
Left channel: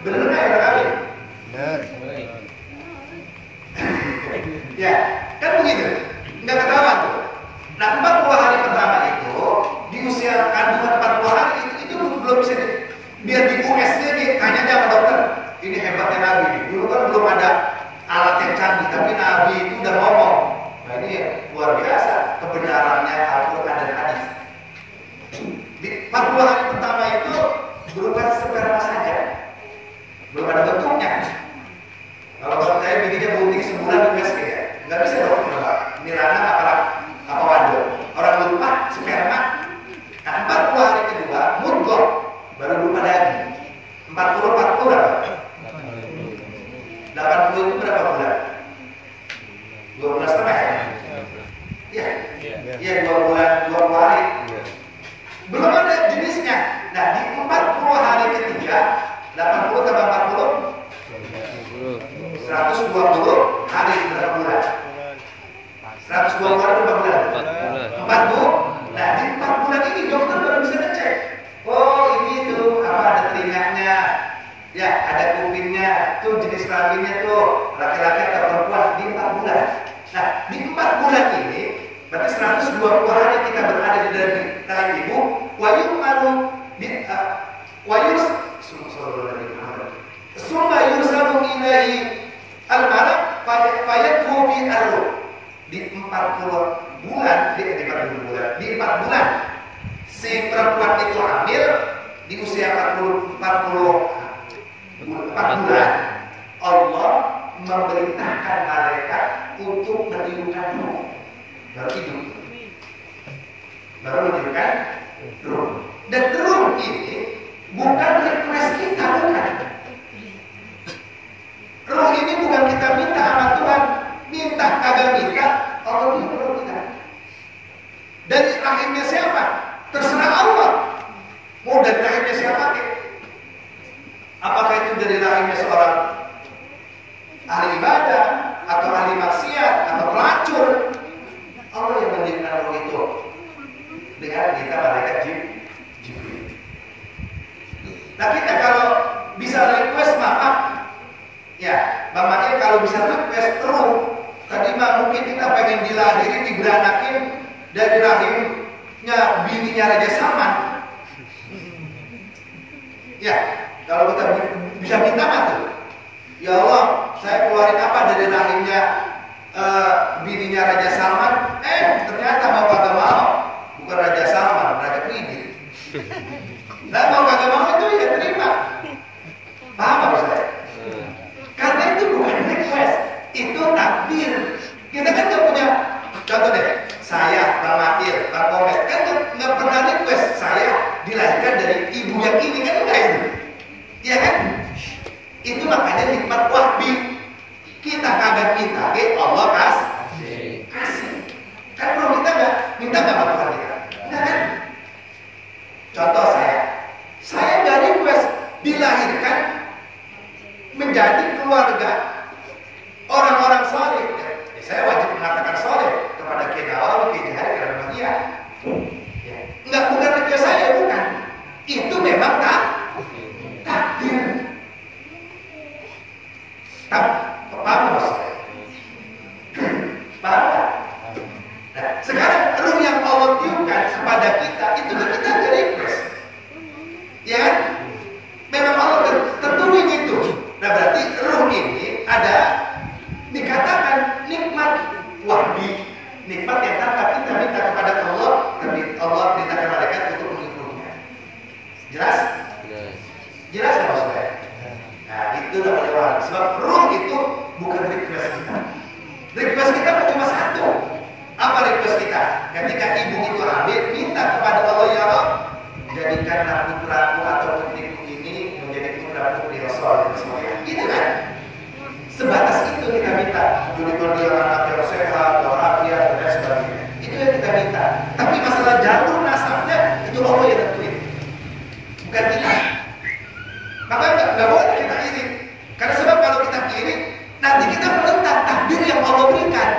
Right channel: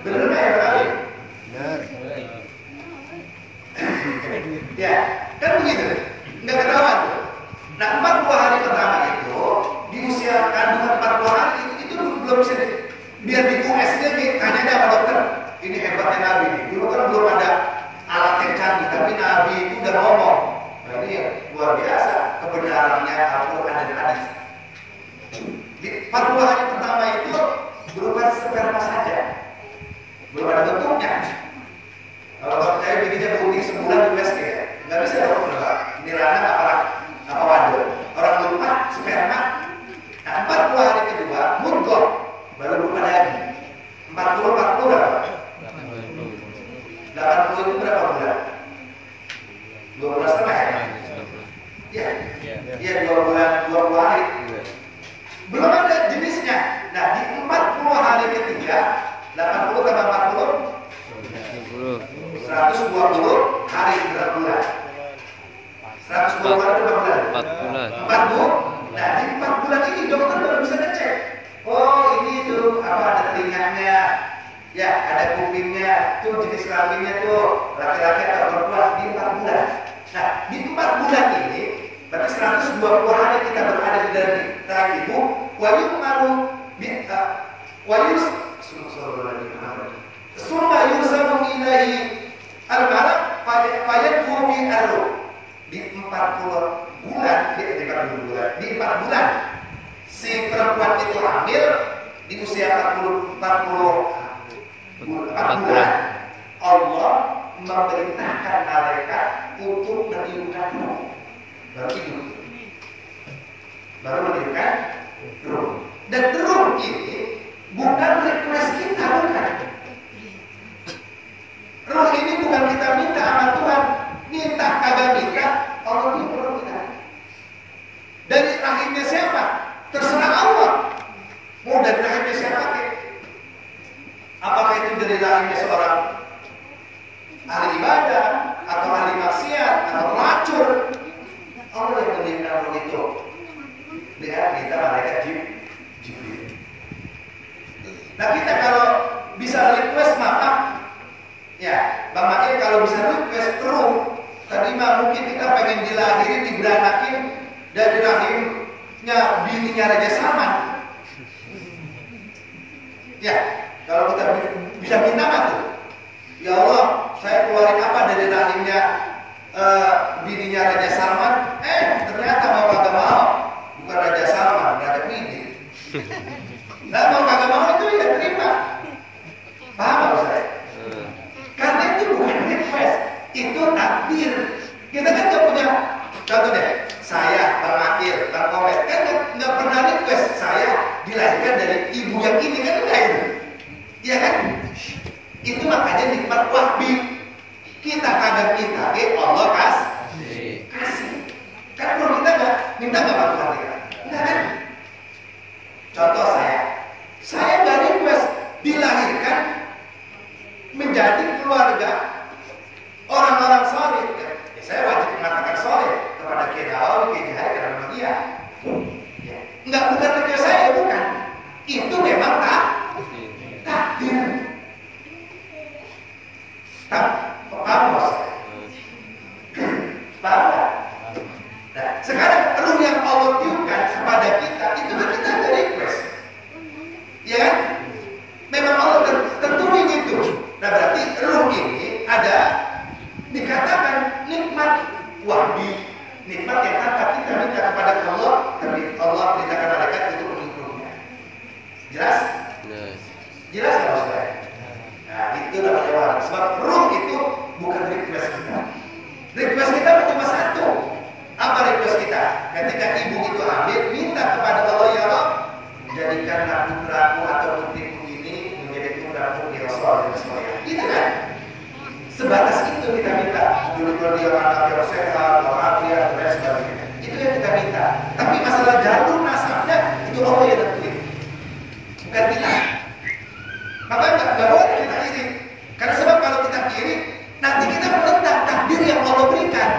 Bener nggak ya kali? Bener. Ya, kan begitu. Nggak ketahuan tuh. Nah, 40 hari pertama itu di usia kandungan 40 hari itu belum bisa biar di US-nya tanya aja sama dokter. Ini hebatnya Nabi nih. Dulu kan belum ada alat yang canggih, tapi Nabi itu udah ngomong. Nah, ini luar biasa kebenarannya Al-Quran dan hadis. Di 40 hari pertama itu berupa sperma saja, belum ada bentuknya. Kalau saya bininya bunting sebulan di USG ya, nggak bisa dong. Ini lanang apa wadon. Orang lupa sperma. Nah, 40 hari kedua mudghah baru berupa daging. 40 berapa? 80 itu berapa bulan? 2 bulan setengah ya? Iya 2 bulan 20 hari. Belum ada jenisnya. Nah, di 40 hari ketiga 80 tambah 40 120 hari berapa bulan? 120 hari berapa bulan? 4 bulan. Nah, di 4 bulan ini dokter baru bisa ngecek. Oh, ini tuh apa ada telinganya. Ya, ada kupingnya. Tuh jenis kelaminnya tuh laki-laki atau perempuan di 4 bulan. Nah, di 4 bulan ini berarti 120 hari kita berada di dalam rahim ibu. Wa yu'maru bi wa summa yursalu ilaihi al-malak fayadfu fi ar-ruh. Di 40 bulan, di 4 bulan si perempuan itu hamil di usia 40 bulan. Allah memerintahkan malaikat untuk meniupkan ruh. Baru meniupkan ruh. Dan ruh ini bukan request kita, bukan. Ruh ini bukan kita minta sama Tuhan, minta kagak minta, Allah tiup ruh kita. Dari rahimnya siapa? Terserah Allah. Mau dari rahimnya siapa ke? Apakah itu dari rahimnya seorang ahli ibadah atau ahli maksiat atau pelacur? Allah yang meniupkan ruh itu dengan kita malaikat Jibril. Nah, kita kalau bisa request maaf, ya, Bang Makil kalau bisa request ruh, tadi mah mungkin kita pengen dilahirin, diberanakin dari rahimnya bininya Raja Salman. Ya, kalau kita bisa minta mah tuh, ya Allah, saya keluarin apa dari rahimnya bininya Raja Salman? Ternyata mau kagak mau, bukan Raja Salman, Raja Kredit. Nah, mau kagak itu takdir. Kita kan nggak punya, contoh deh, saya, Bang Makil, Bang Komet, kan nggak pernah request saya dilahirkan dari ibu yang ini, kan enggak itu, iya kan? Itu makanya nikmat wahbi. Kita kagak minta, Allah kasih. Kan kalau kita nggak minta nggak sama Tuhan kita, enggak kan? Contoh saya nggak request dilahirkan menjadi keluarga orang-orang soleh. Ya, saya wajib mengatakan soleh kepada Kiai Nawawi, Kiai Jahari, karena memang iya. Ya, enggak, bukan request saya, bukan. Itu memang takdir. Paham maksudnya? Paham nggak? Nah, sekarang ruh yang Allah tiupkan kepada kita itu kan kita ada request, ya kan? Memang Allah tentuin itu. Nah, berarti ruh ini ada dikatakan nikmat wahbi, nikmat yang tanpa kita minta kepada Allah, tapi Allah perintahkan malaikat untuk mengikutinya. Jelas? Jelas nggak maksudnya? Nah, itu namanya wahbi. Sebab ruh itu bukan request kita. Request kita cuma satu. Apa request kita? Ketika ibu itu hamil, minta kepada Allah, ya Allah, jadikanlah putraku atau putriku ini menjadi putra putri Rasul dan semuanya. Itu kan? Sebatas itu kita minta. Jadikan dia anak yang sehat, walafiat dan sebagainya. Itu yang kita minta. Tapi masalah jalur nasabnya itu Allah yang tentuin, bukan kita. Maka nggak boleh kita iri. Karena sebab kalau kita iri, nanti kita menentang takdir yang Allah berikan.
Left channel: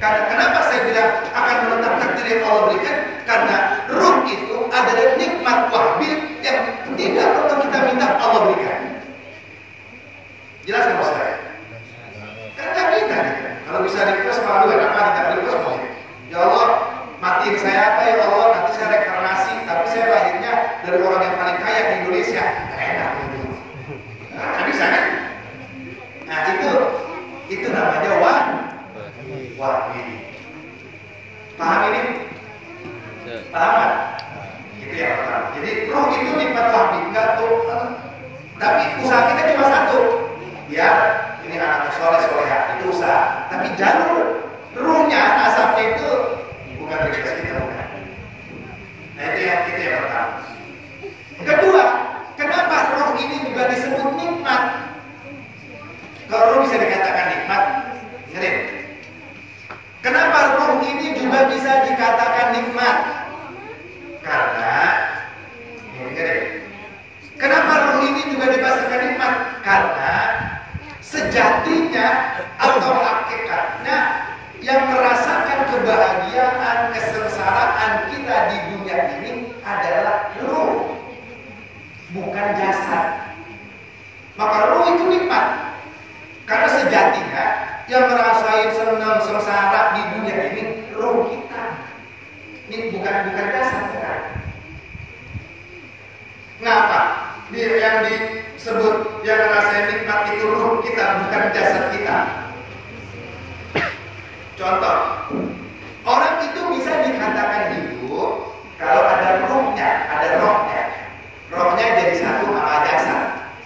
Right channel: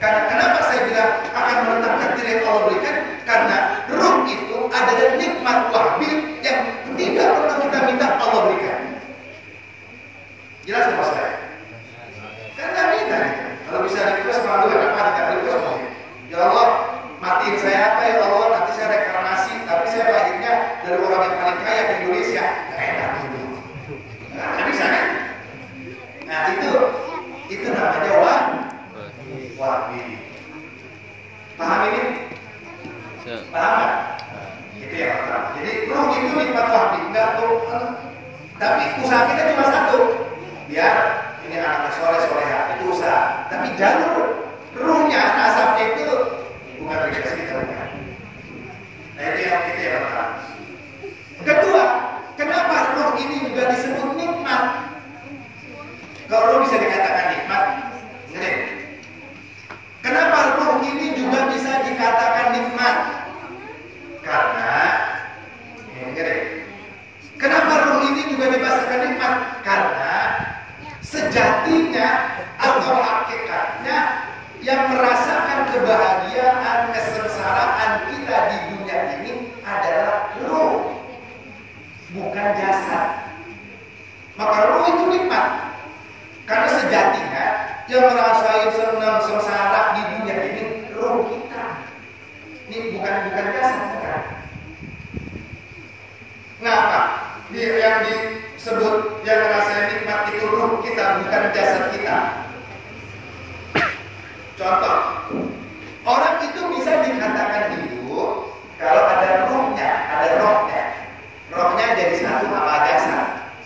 Karena kenapa saya bilang akan menentang takdir yang Allah berikan? Karena ruh itu adalah nikmat wahbi yang tidak perlu kita minta Allah berikan. Jelas nggak saya? Kan nggak minta gitu. Kalau bisa request malu, kenapa kita request mau? Ya Allah, matiin saya apa ya Allah? Nanti saya reinkarnasi, tapi saya lahirnya dari orang yang paling kaya di Indonesia. Enak itu. Nah, bisa kan? Nah, itu namanya wahbi. Paham ini? Paham nggak? Itu yang pertama. Jadi ruh itu nikmat wahbi, enggak tuh. Tapi usaha kita cuma satu, biar ini anaknya soleh-soleha, itu usaha. Tapi jalur ruhnya, nasabnya itu bukan request kita, bukan. Nah, itu yang pertama. Kedua, kenapa ruh ini juga disebut nikmat? Kalau ruh bisa dikatakan nikmat, dengerin. Kenapa ruh ini juga bisa dikatakan nikmat? Karena, dengerin. Kenapa ruh ini juga dibahaskan nikmat? Karena sejatinya atau hakikatnya yang merasakan kebahagiaan, kesengsaraan kita di dunia ini adalah ruh, bukan jasad. Maka ruh itu nikmat. Karena sejatinya yang merasain senang sengsara di dunia ini ruh kita. Ini bukan jasad, bukan. Ngapa? Yang disebut yang merasain nikmat itu ruh kita, bukan jasad kita. Contoh, orang itu bisa dikatakan hidup kalau ada ruhnya, ada rohnya. Rohnya jadi satu sama jasad,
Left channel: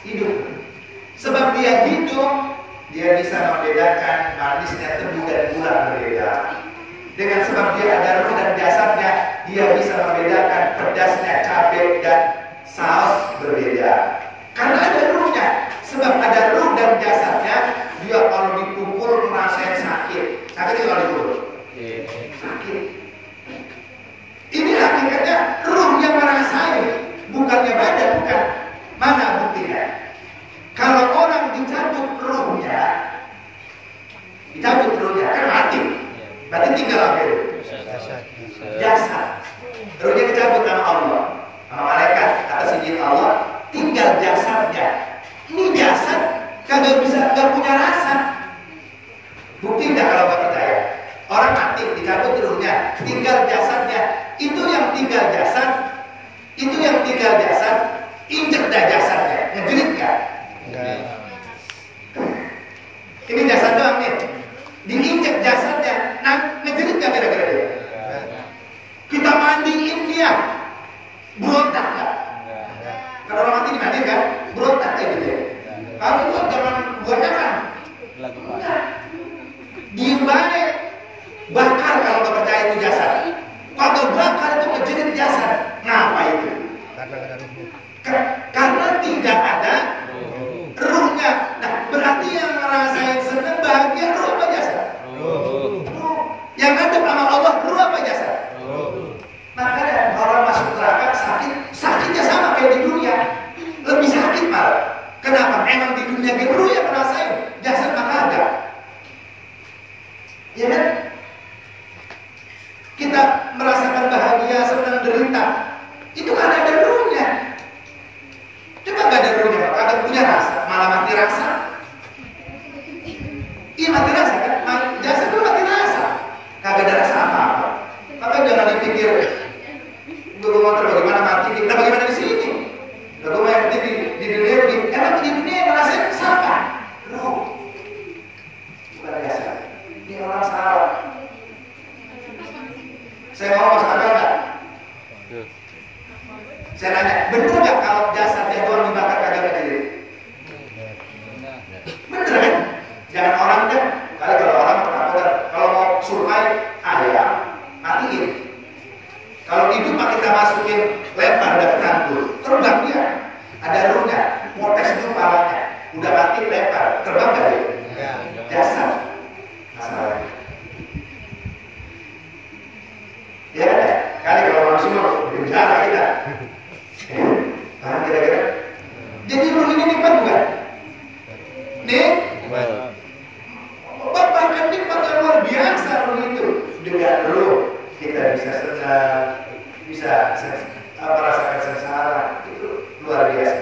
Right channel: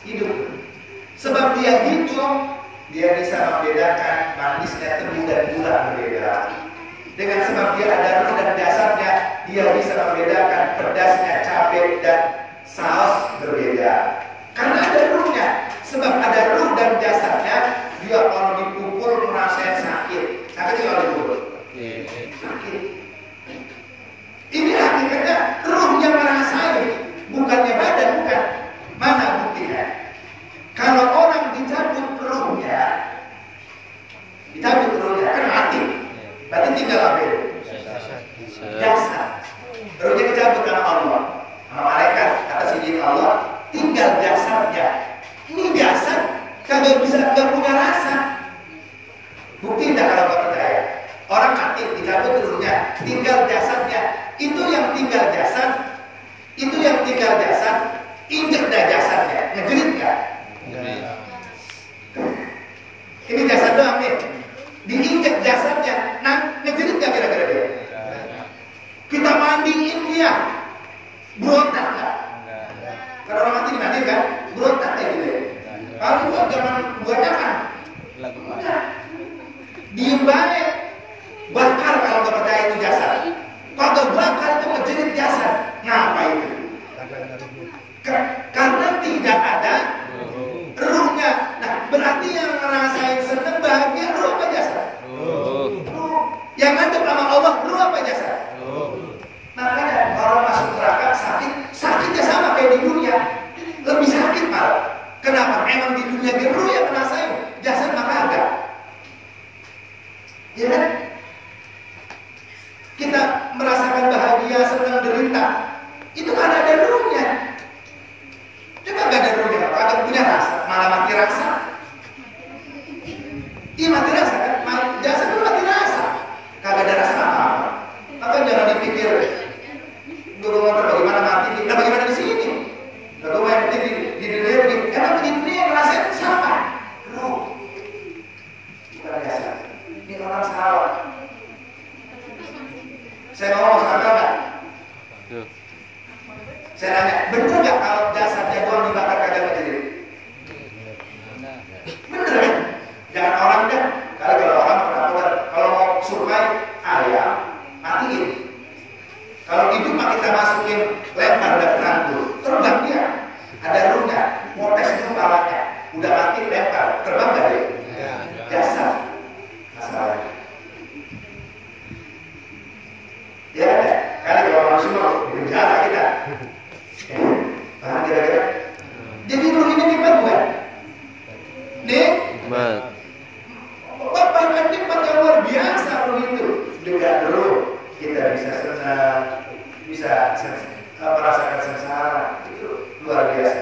hidup. Sebab dia hidup, dia bisa membedakan manisnya tebu dan gula berbeda. Dengan sebab dia ada ruh dan jasadnya, dia bisa membedakan pedasnya cabai dan saus berbeda. Karena ada ruhnya. Sebab ada ruh dan jasadnya, dia kalau dipukul merasakan sakit. Sakit kalau dipukul? Sakit. Ini hakikatnya ruh yang merasain, bukannya badan, bukan. Mana buktinya? Kalau orang dicabut ruhnya kan mati. Berarti tinggal apa itu? Jasad. Ruhnya dicabut sama Allah, sama malaikat atas izin Allah, tinggal jasadnya. Ini jasad kagak punya rasa. Bukti enggak kalau nggak percaya? Orang mati dicabut ruhnya, tinggal jasadnya. Itu yang tinggal jasad, injek dah jasadnya, ngejerit nggak? Ini jasad doang nih, diinjek jasadnya, nah ngejerit nggak kira-kira dia? Kita mandiin dia, berontak nggak? Kalau orang mati dimandiin kan, berontak kayak gitu. Kalau itu zaman buahnya kan, Diem baik. Bakar kalau nggak percaya itu jasad. Kalau bakar itu ngejerit jasad. Ngapa itu? Karena tidak ada ruhnya. Nah, berarti yang ngerasain seneng bahagia ruh apa jasad? Ruh. Yang ngadep sama Allah ruh apa jasad? Makanya orang masuk neraka sakitnya sama kayak di dunia. Lebih sakit malah. Kenapa? Emang di dunia ruh yang ngerasain, jasad maka ada. Ya kan? Kita merasakan bahagia, senang, derita. Itu karena ada ruhnya. Coba gak ada ruhnya, kagak punya rasa, malah mati rasa. Iya mati rasa kan? Jasad itu mati rasa. Kagak ada rasa apa-apa. Maka jangan dipikir gue mau bagaimana mati. Nah bagaimana di sini? Gue mau mati di dunia begini. Emang di dunia yang ngerasain siapa? Ruh. Bukan jasad. Ini orang salah. Saya ngomong masuk akal nggak? Saya nanya, bener nggak kalau jasadnya doang dibakar kagak berdiri? Bener kan? Jangan orang deh. Kali kalau orang pernah kalau mau survei ayam matiin. Kalau hidup kita masukin lempar udah penanggul, terbang dia. Ada ruhnya, motes di kepalanya. Udah mati lempar, terbang nggak dia? Jasad. Masalahnya. Ya kan? Kali kalau manusia mau di penjara kita. Paham kira-kira? Jadi ruh ini nikmat bukan? Bahkan nikmat yang luar biasa ruh itu. Dengan ruh kita bisa senang, bisa merasakan sengsara. Itu luar biasa.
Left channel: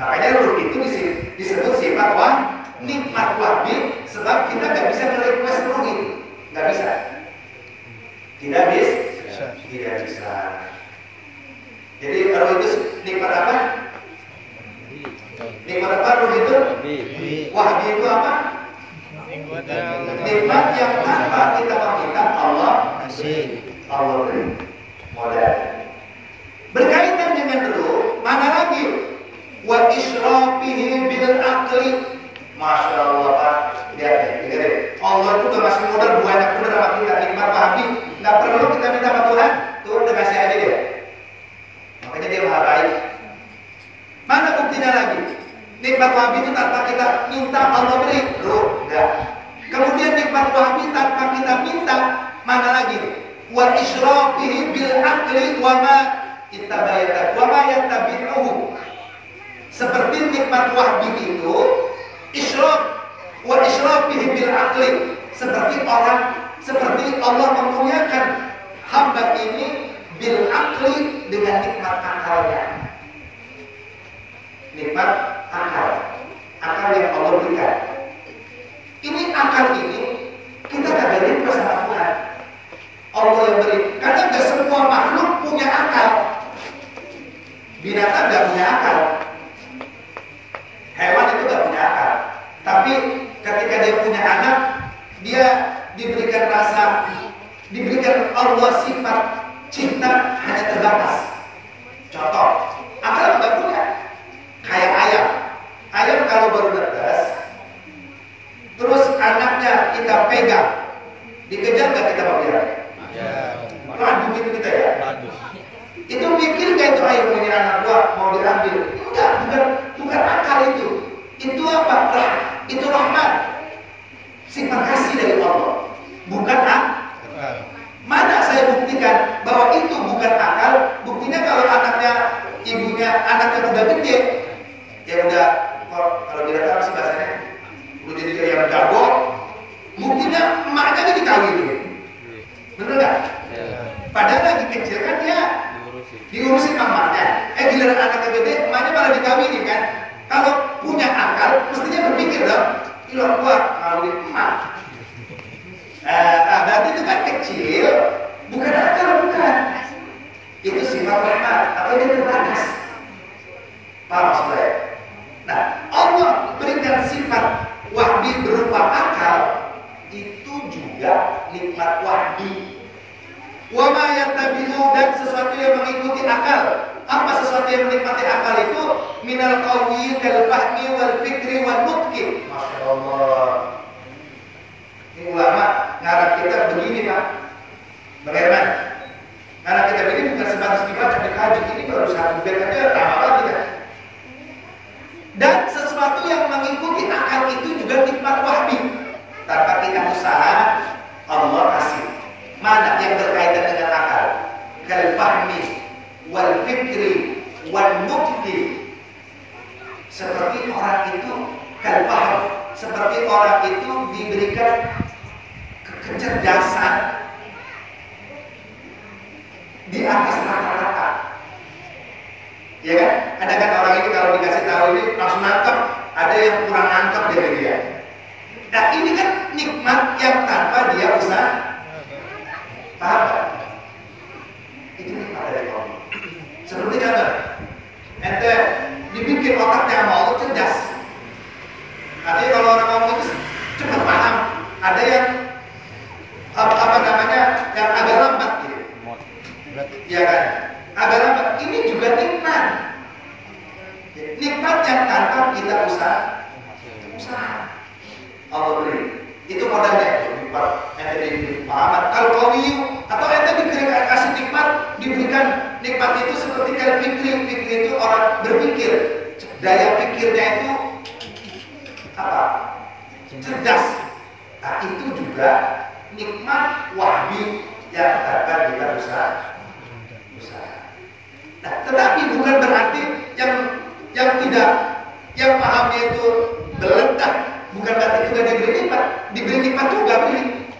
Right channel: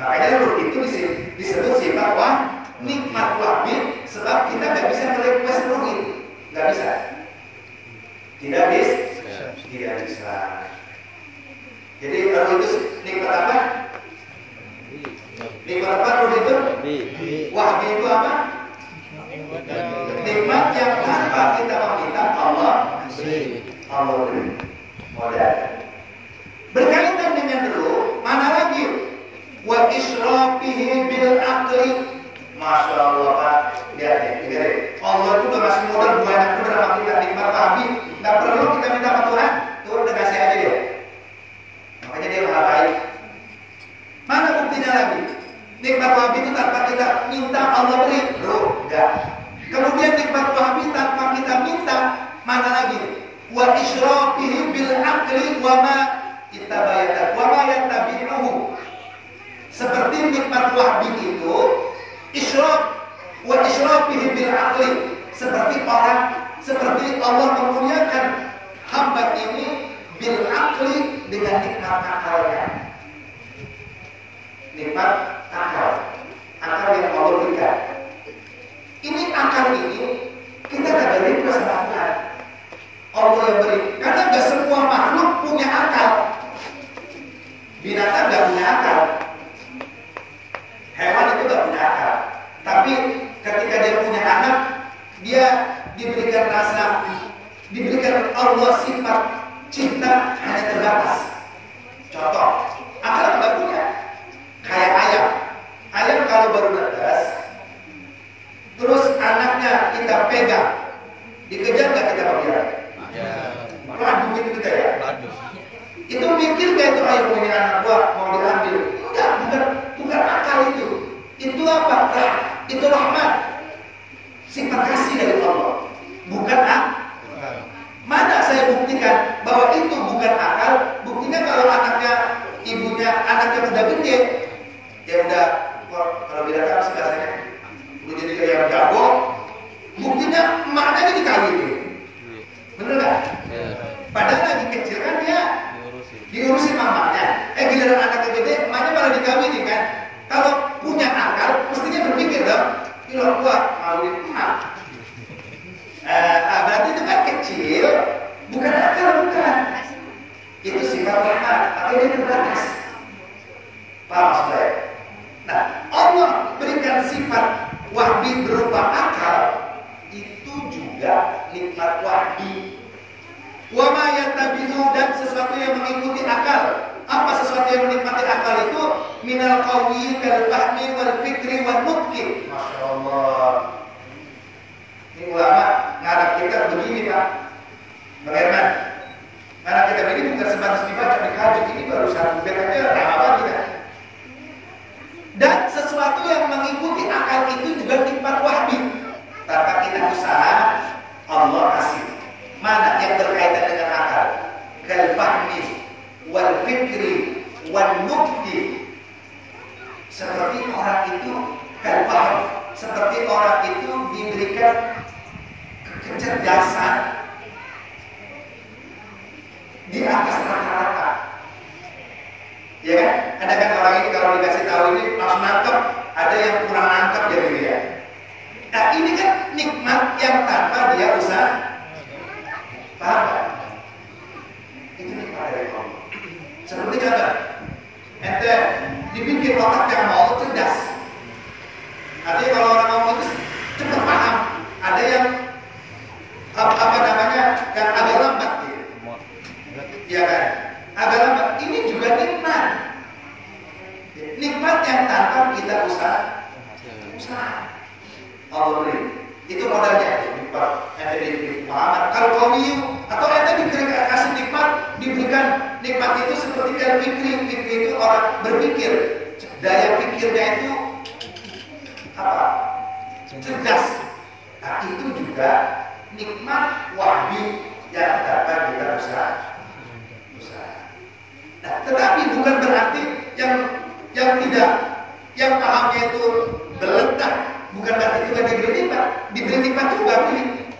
Makanya ruh itu disebut sifat nikmat wahbi, sebab kita nggak bisa nge-request ruh itu, nggak bisa. Tidak bisa. Jadi ruh itu nikmat apa? Nikmat apa ruh itu? Wahbi itu apa? Nikmat yang tanpa kita meminta Allah beri. Modal. Berkaitan dengan ruh, mana lagi? Wa israfihi bil aqli. Masya Allah Pak. Lihat deh. Allah itu udah masih modal banyak bener sama kita nikmat wahbi. Nggak perlu kita minta sama Tuhan, Tuhan udah kasih aja dia. Makanya dia maha baik. Mana buktinya lagi? Nikmat wahbi itu tanpa kita minta Allah beri. Ruh, enggak. Kemudian nikmat wahbi tanpa kita minta, mana lagi? Wa israfihi bil aqli wa ma ittabayata wa ma yattabi'uhu. Seperti nikmat wahbi itu wa israfihi bil aqli, seperti Allah memuliakan hamba ini bil aqli dengan nikmat akalnya. Nikmat akal yang Allah berikan. Ini akal ini kita kagak request sama Tuhan. Allah yang beri. Karena gak semua makhluk punya akal. Binatang gak punya akal. Hewan itu gak punya akal. Tapi ketika dia punya anak, dia diberikan Allah sifat cinta hanya terbatas. Contoh, akal nggak punya. Kayak ayam. Ayam kalau baru netes, terus anaknya kita pegang, dikejar nggak kita pelihara? Ladu gitu kita ya. Itu mikir nggak itu ayam punya anak gua mau diambil? Enggak, bukan akal itu. Itu apa? Itu rahmat. Sifat kasih dari Allah. Bukan Mana saya buktikan bahwa itu bukan akal? Buktinya kalau anaknya udah gede, ya udah, kalau binatang apa sih bahasanya? Udah jadi yang jago. Buktinya emaknya ini dikawinin. Bener nggak? Padahal lagi kecil kan dia diurusin mamanya. Giliran anaknya gede, emaknya malah dikawinin kan? Kalau punya akal, mestinya berpikir dong, kalau gua ngawinin emak. Berarti itu kan kecil, bukan akal, bukan. Itu sifat rahmat, tapi dia terbatas. Paham maksudnya? Nah, Allah berikan sifat wahbi berupa akal, itu juga nikmat wahbi. Wa ma yattabi'u, dan sesuatu yang mengikuti akal. Apa sesuatu yang menikmati akal itu? Minal qawi kal fahmi wal fikri wal mutqin. Masya Allah. Ini ulama kita begini Pak Bang Herman, anak kita begini bukan sebatas dibaca, dikaji, ini baru satu bed aja lama banget kita. Dan sesuatu yang mengikuti akal itu juga nikmat wahbi. Tanpa kita usaha, Allah kasih. Mana yang berkaitan dengan akal? Kal fahmi wal fikri wal mukti. Seperti orang itu kal fahm, seperti orang itu diberikan kecerdasan di atas rata-rata. Ya kan? Ada kan orang ini kalau dikasih tahu ini langsung nangkep, ada yang kurang nangkep dari dia. Nah ini kan nikmat yang tanpa dia usaha. Paham kan? Itu nikmat dari Allah. Seperti contoh, ente dibikin otaknya mau cerdas. Artinya kalau orang ngomong itu cepat paham. Ada yang apa namanya yang agak lambat gitu. Ya kan? Agak lambat. Ini juga nikmat. Nikmat yang tanpa kita usaha. Allah beri. Itu modalnya. Nikmat. Ente diberi pemahaman. Kalau kau atau ente dikasih nikmat, diberikan nikmat itu seperti kalau fikri. Fikri itu orang berpikir. Daya pikirnya itu apa? Cerdas. Nah itu juga nikmat wahyu yang tanpa kita usaha. Nah, tetapi bukan berarti yang pahamnya itu beledak, bukan berarti juga diberi nikmat juga beri.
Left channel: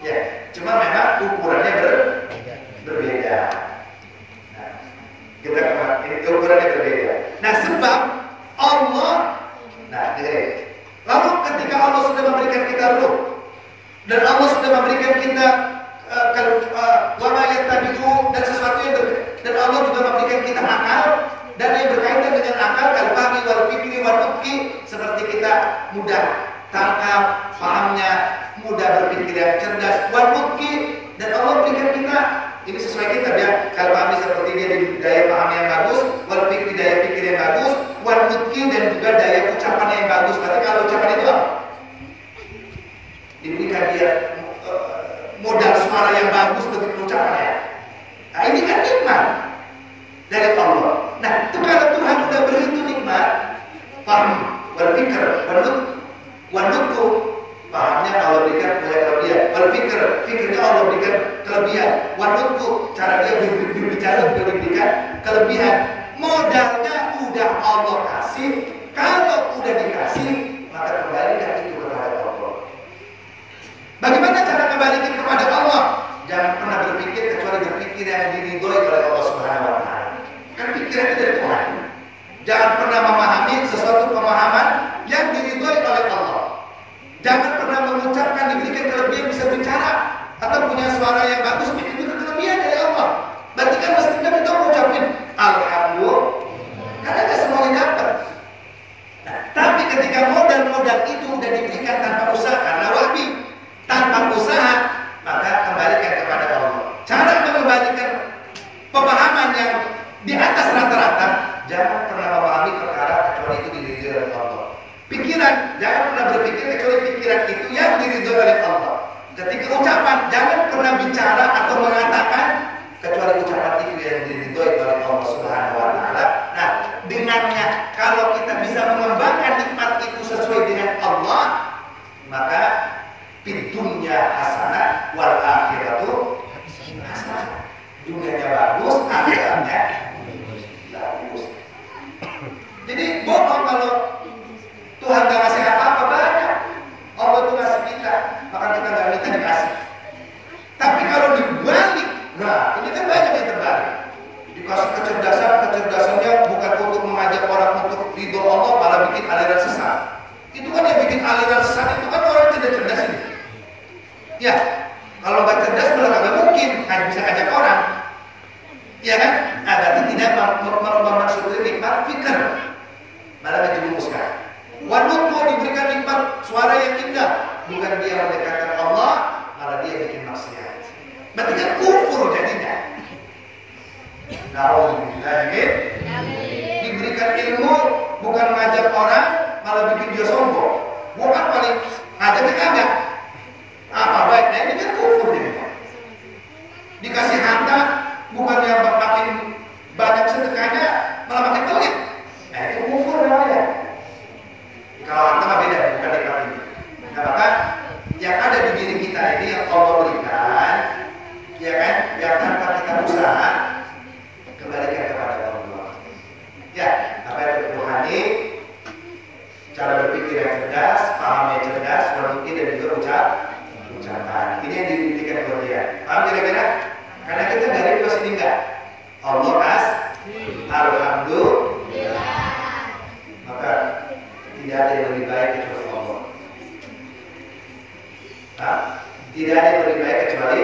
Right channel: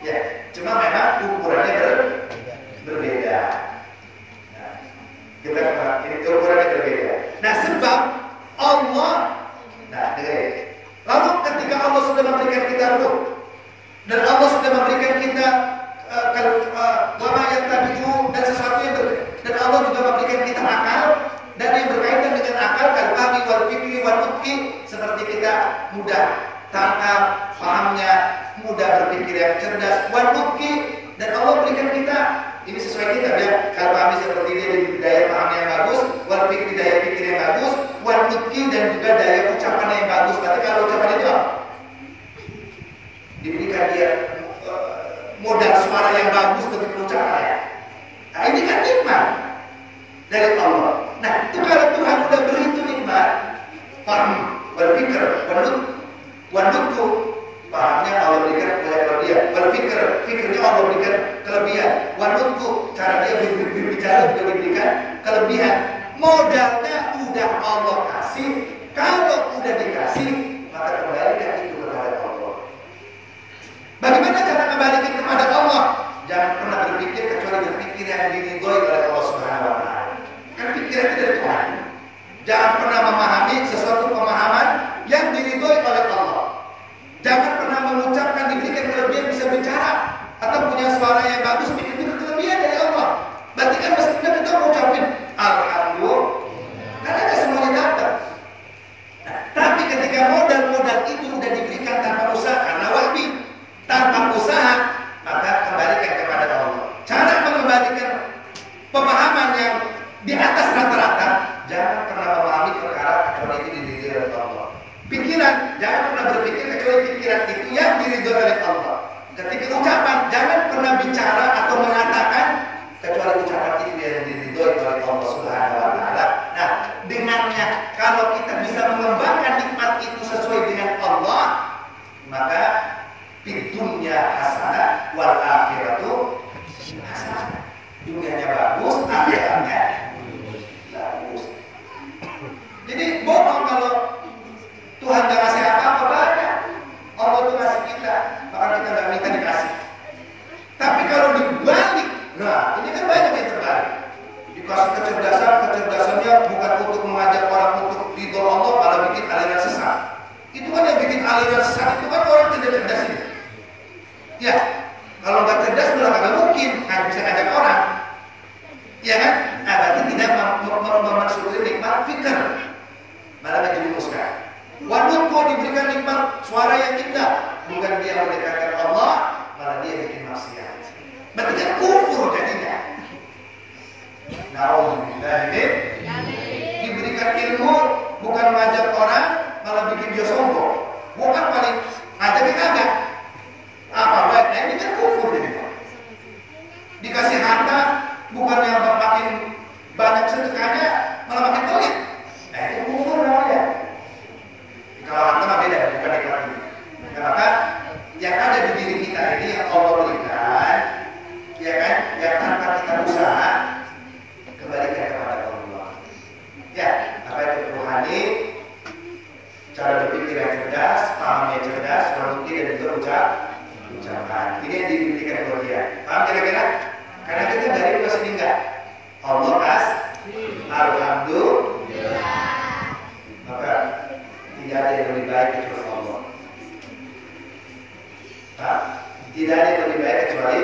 Ya, cuma memang ukurannya berbeda. Nah, kita ini ukurannya berbeda. Nah, sebab Allah, dengerin. Lalu ketika Allah sudah memberikan kita ruh dan Allah sudah memberikan kita wama yattabi'u dan sesuatu yang dan Allah juga memberikan kita akal dan yang berkaitan dengan akal kalfahmi wal fikri wal mukti, seperti kita mudah tangkap pahamnya, mudah berpikir yang cerdas wal mukti, dan Allah berikan kita ini sesuai kita biar kalfahmi seperti dia daya paham yang bagus, wal fikri daya pikir yang bagus, wal mukti dan juga daya ucapan yang bagus. Berarti kalau ucapan itu apa? Diberikan dia modal suara yang bagus bentuk ucapannya. Nah ini kan nikmat dari Allah. Nah itu kalau Tuhan sudah beri itu nikmat, paham, berpikir, wanutku, pahamnya Allah berikan kelebihan, berpikir, fikirnya Allah berikan kelebihan, wanutku, cara dia berbicara juga diberikan kelebihan. Modalnya udah Allah kasih, kalau udah dikasih maka kembalikan itu kepada Allah. Bagaimana cara kembalikan kepada Allah? Jangan pernah berpikir kecuali berpikir yang diridhoi oleh Allah Subhanahu wa taala. Kan pikiran itu dari Tuhan. Jangan pernah memahami sesuatu pemahaman yang diridhoi oleh Allah. Jangan pernah mengucapkan diberikan kelebihan bisa bicara atau punya suara yang bagus, itu juga kelebihan dari Allah. Berarti kan mestinya kita mengucapin alhamdulillah. Karena tidak semuanya dapat. Nah, tapi ketika modal-modal itu sudah diberikan tanpa usaha karena wahbi, tanpa usaha, maka kembalikan kepada Allah. Cara mengembalikan pemahaman yang di atas rata-rata, jangan pernah memahami perkara kecuali itu diridhoi oleh Allah. Pikiran, jangan pernah berpikir kecuali pikiran itu yang diridhoi oleh Allah. Ketika ucapan, jangan pernah bicara atau mengatakan kecuali ucapan itu yang diridhoi oleh Allah Subhanahu wa taala. Nah, dengannya kalau kita bisa mengembangkan nikmat itu sesuai dengan Allah, maka fitunya hasanah wal akhiratu hasanah. Dunianya bagus, akhiratnya bagus. Jadi bohong kalau Tuhan gak ngasih apa-apa banyak. Allah tuh ngasih kita, maka kita gak minta dikasih. Tapi kalau dibalik, nah ini kan banyak yang terbalik. Dikasih kecerdasannya bukan untuk mengajak orang untuk ridho Allah, malah bikin aliran sesat. Itu kan yang bikin aliran sesat itu kan orang cerdas-cerdas ini. Ya, kalau nggak cerdas malah kagak mungkin bisa ngajak orang. Ya kan? Nah, berarti tidak mensyukuri nikmat fikir, malah menjerumuskan. Wanutku diberikan nikmat suara yang indah, bukan dia mendekatkan Allah, malah dia bikin maksiat. Berarti kan kufur jadinya. Nauzubillah. Diberikan ilmu bukan mengajak orang, malah bikin dia sombong. Bukan paling ngajaknya kagak. Apa baiknya ini Dikasih harta, bukannya makin banyak sedekahnya, malah makin pelit. Nah itu kufur namanya. Kalau harta mah beda, bukan nikmat ini. Nah, maka yang ada di diri kita ini yang Allah berikan, ya kan, yang tanpa kita usaha, kembalikan kepada Allah. Ya, apa itu rohani, cara berpikir yang cerdas, paham yang cerdas, produktif dan juga ucapan. Ini yang dibuktikan kepada dia. Paham kira-kira? Karena kita dari kelas ini enggak. Allah alhamdulillah. Maka tidak ada yang lebih baik kecuali Allah. Nah, tidak ada yang lebih baik kecuali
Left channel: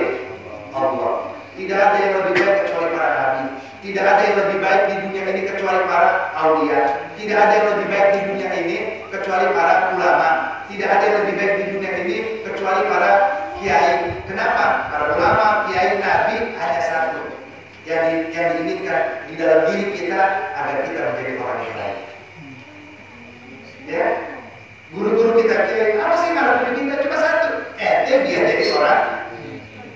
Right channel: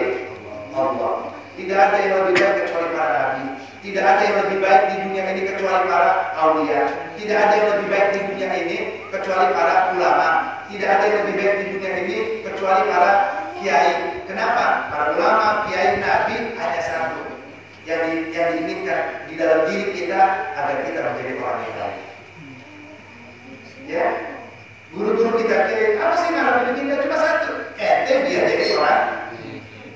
Allah. Tidak ada yang lebih baik kecuali para nabi. Tidak ada yang lebih baik di dunia ini kecuali para aulia. Tidak ada yang lebih baik di dunia ini kecuali para ulama. Tidak ada yang lebih baik di dunia ini kecuali para kiai. Kenapa? Para ulama, kiai, nabi hanya satu. Yang diinginkan di dalam diri kita agar kita menjadi orang yang baik. Ya, guru-guru kita kiai apa sih ngarepin kita cuma satu? Biar jadi orang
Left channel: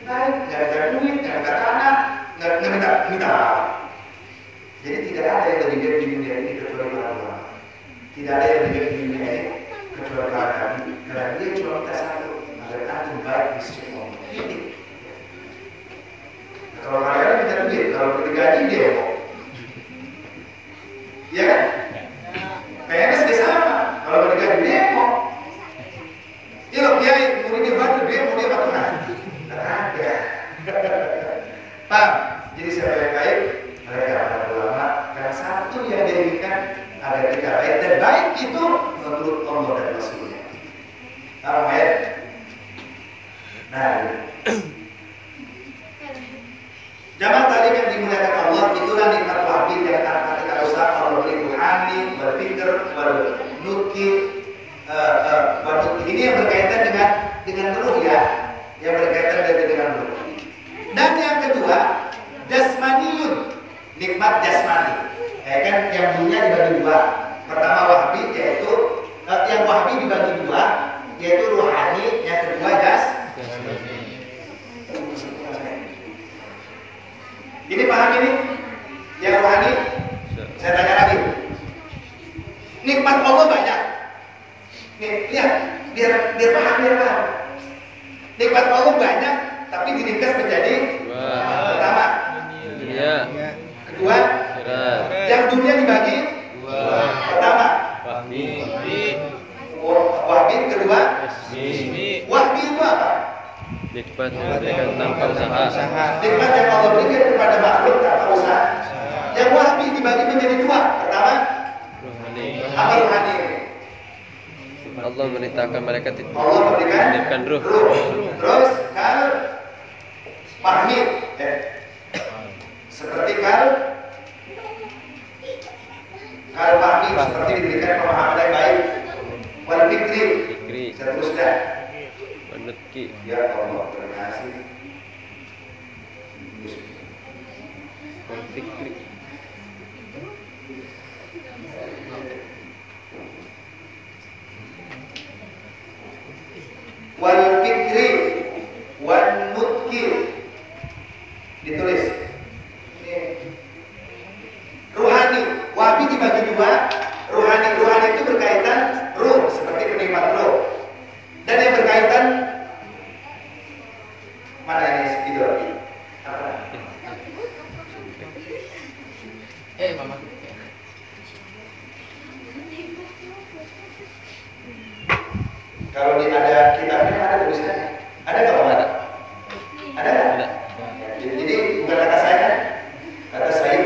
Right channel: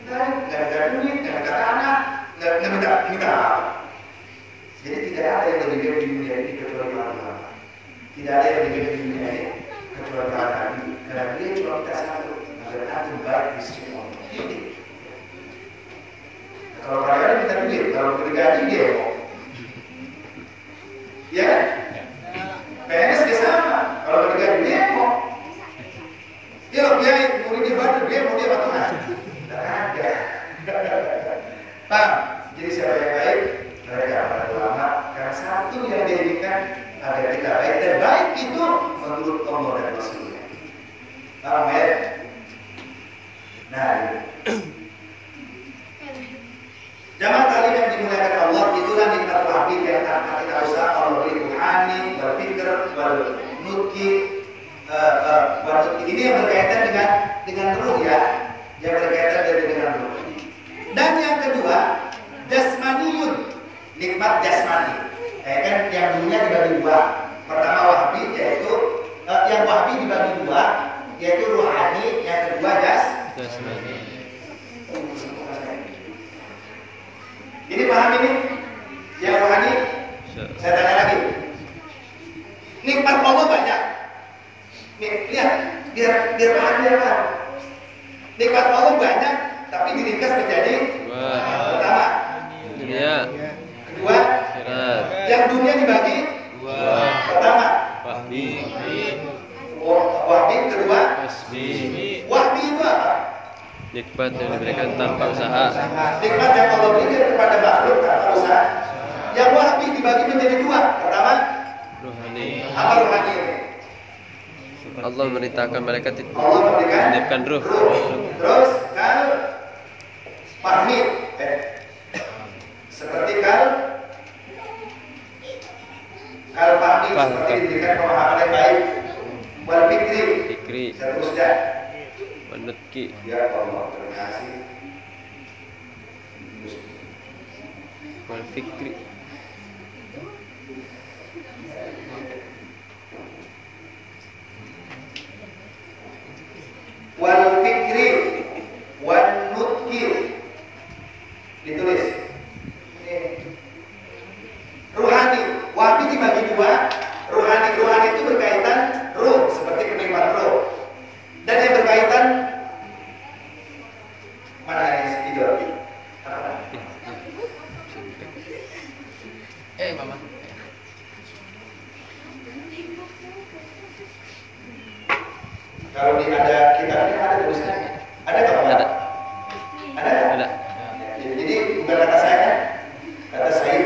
baik, nggak minta duit, nggak minta tanah, nggak minta apa. Jadi tidak ada yang lebih baik di dunia ini kecuali para ulama. Tidak ada yang lebih baik di dunia ini kecuali para nabi. Karena dia cuma minta satu, agar antum baik di sisi Allah. Ini. Kalau kalian minta duit, kalau kita gaji dia mau. Ya kan? PNS dia sama. Kalau mau digaji dia mau. Ya loh, kiai murid dia batu, dia mau dia patungan. Ada. Paham? Jadi siapa yang baik? Mereka para ulama. Karena satu yang dia inginkan agar kita baik, dan baik itu menurut Allah dan Rasulnya. Paham ya? Nah, jamaah taklim yang dimuliakan Allah, itulah nikmat wahid yang tanpa kita usaha Allah beri ruhani, berpikir, bernutki, ini yang berkaitan dengan ruh ya, yang berkaitan dengan ruh. Dan yang kedua, jasmaniyun, nikmat jasmani. Kan yang dulunya dibagi dua. Pertama wahabi, yaitu yang wahabi dibagi dua, yaitu ruhani, yang kedua jasmani. Ini paham ini? Yang rohani? Saya tanya lagi. Nikmat Allah banyak. Nih, lihat, biar paham. Nikmat Allah banyak, tapi diringkas menjadi pertama. Dunia. Kedua. Yang dunia dibagi pertama. Wahbi. Kedua. Wahbi itu apa? Nikmat yang diberikan tanpa usaha. Nikmat yang Allah berikan kepada makhluk tanpa usaha. Yang wahbi dibagi menjadi dua. Pertama, Rohani. apa rohani? Allah memerintahkan mereka Allah memberikan ruh. Terus kal fahmi, seperti kal fahmi, seperti diberikan pemahaman yang baik. Wal fikri. Seterusnya. Menutki. Ya Allah, terima kasih. Wal fikri. Wal fikri wan nutki. Ditulis. Ruhani, wahabi dibagi dua. Ruhani itu berkaitan ruh, seperti kenikmatan ruh. Dan yang berkaitan mana ini video? Mama. Kalau ada kitabnya ada tulisannya. Ada nggak? Ada. Ada. Jadi bukan kata saya, kata saya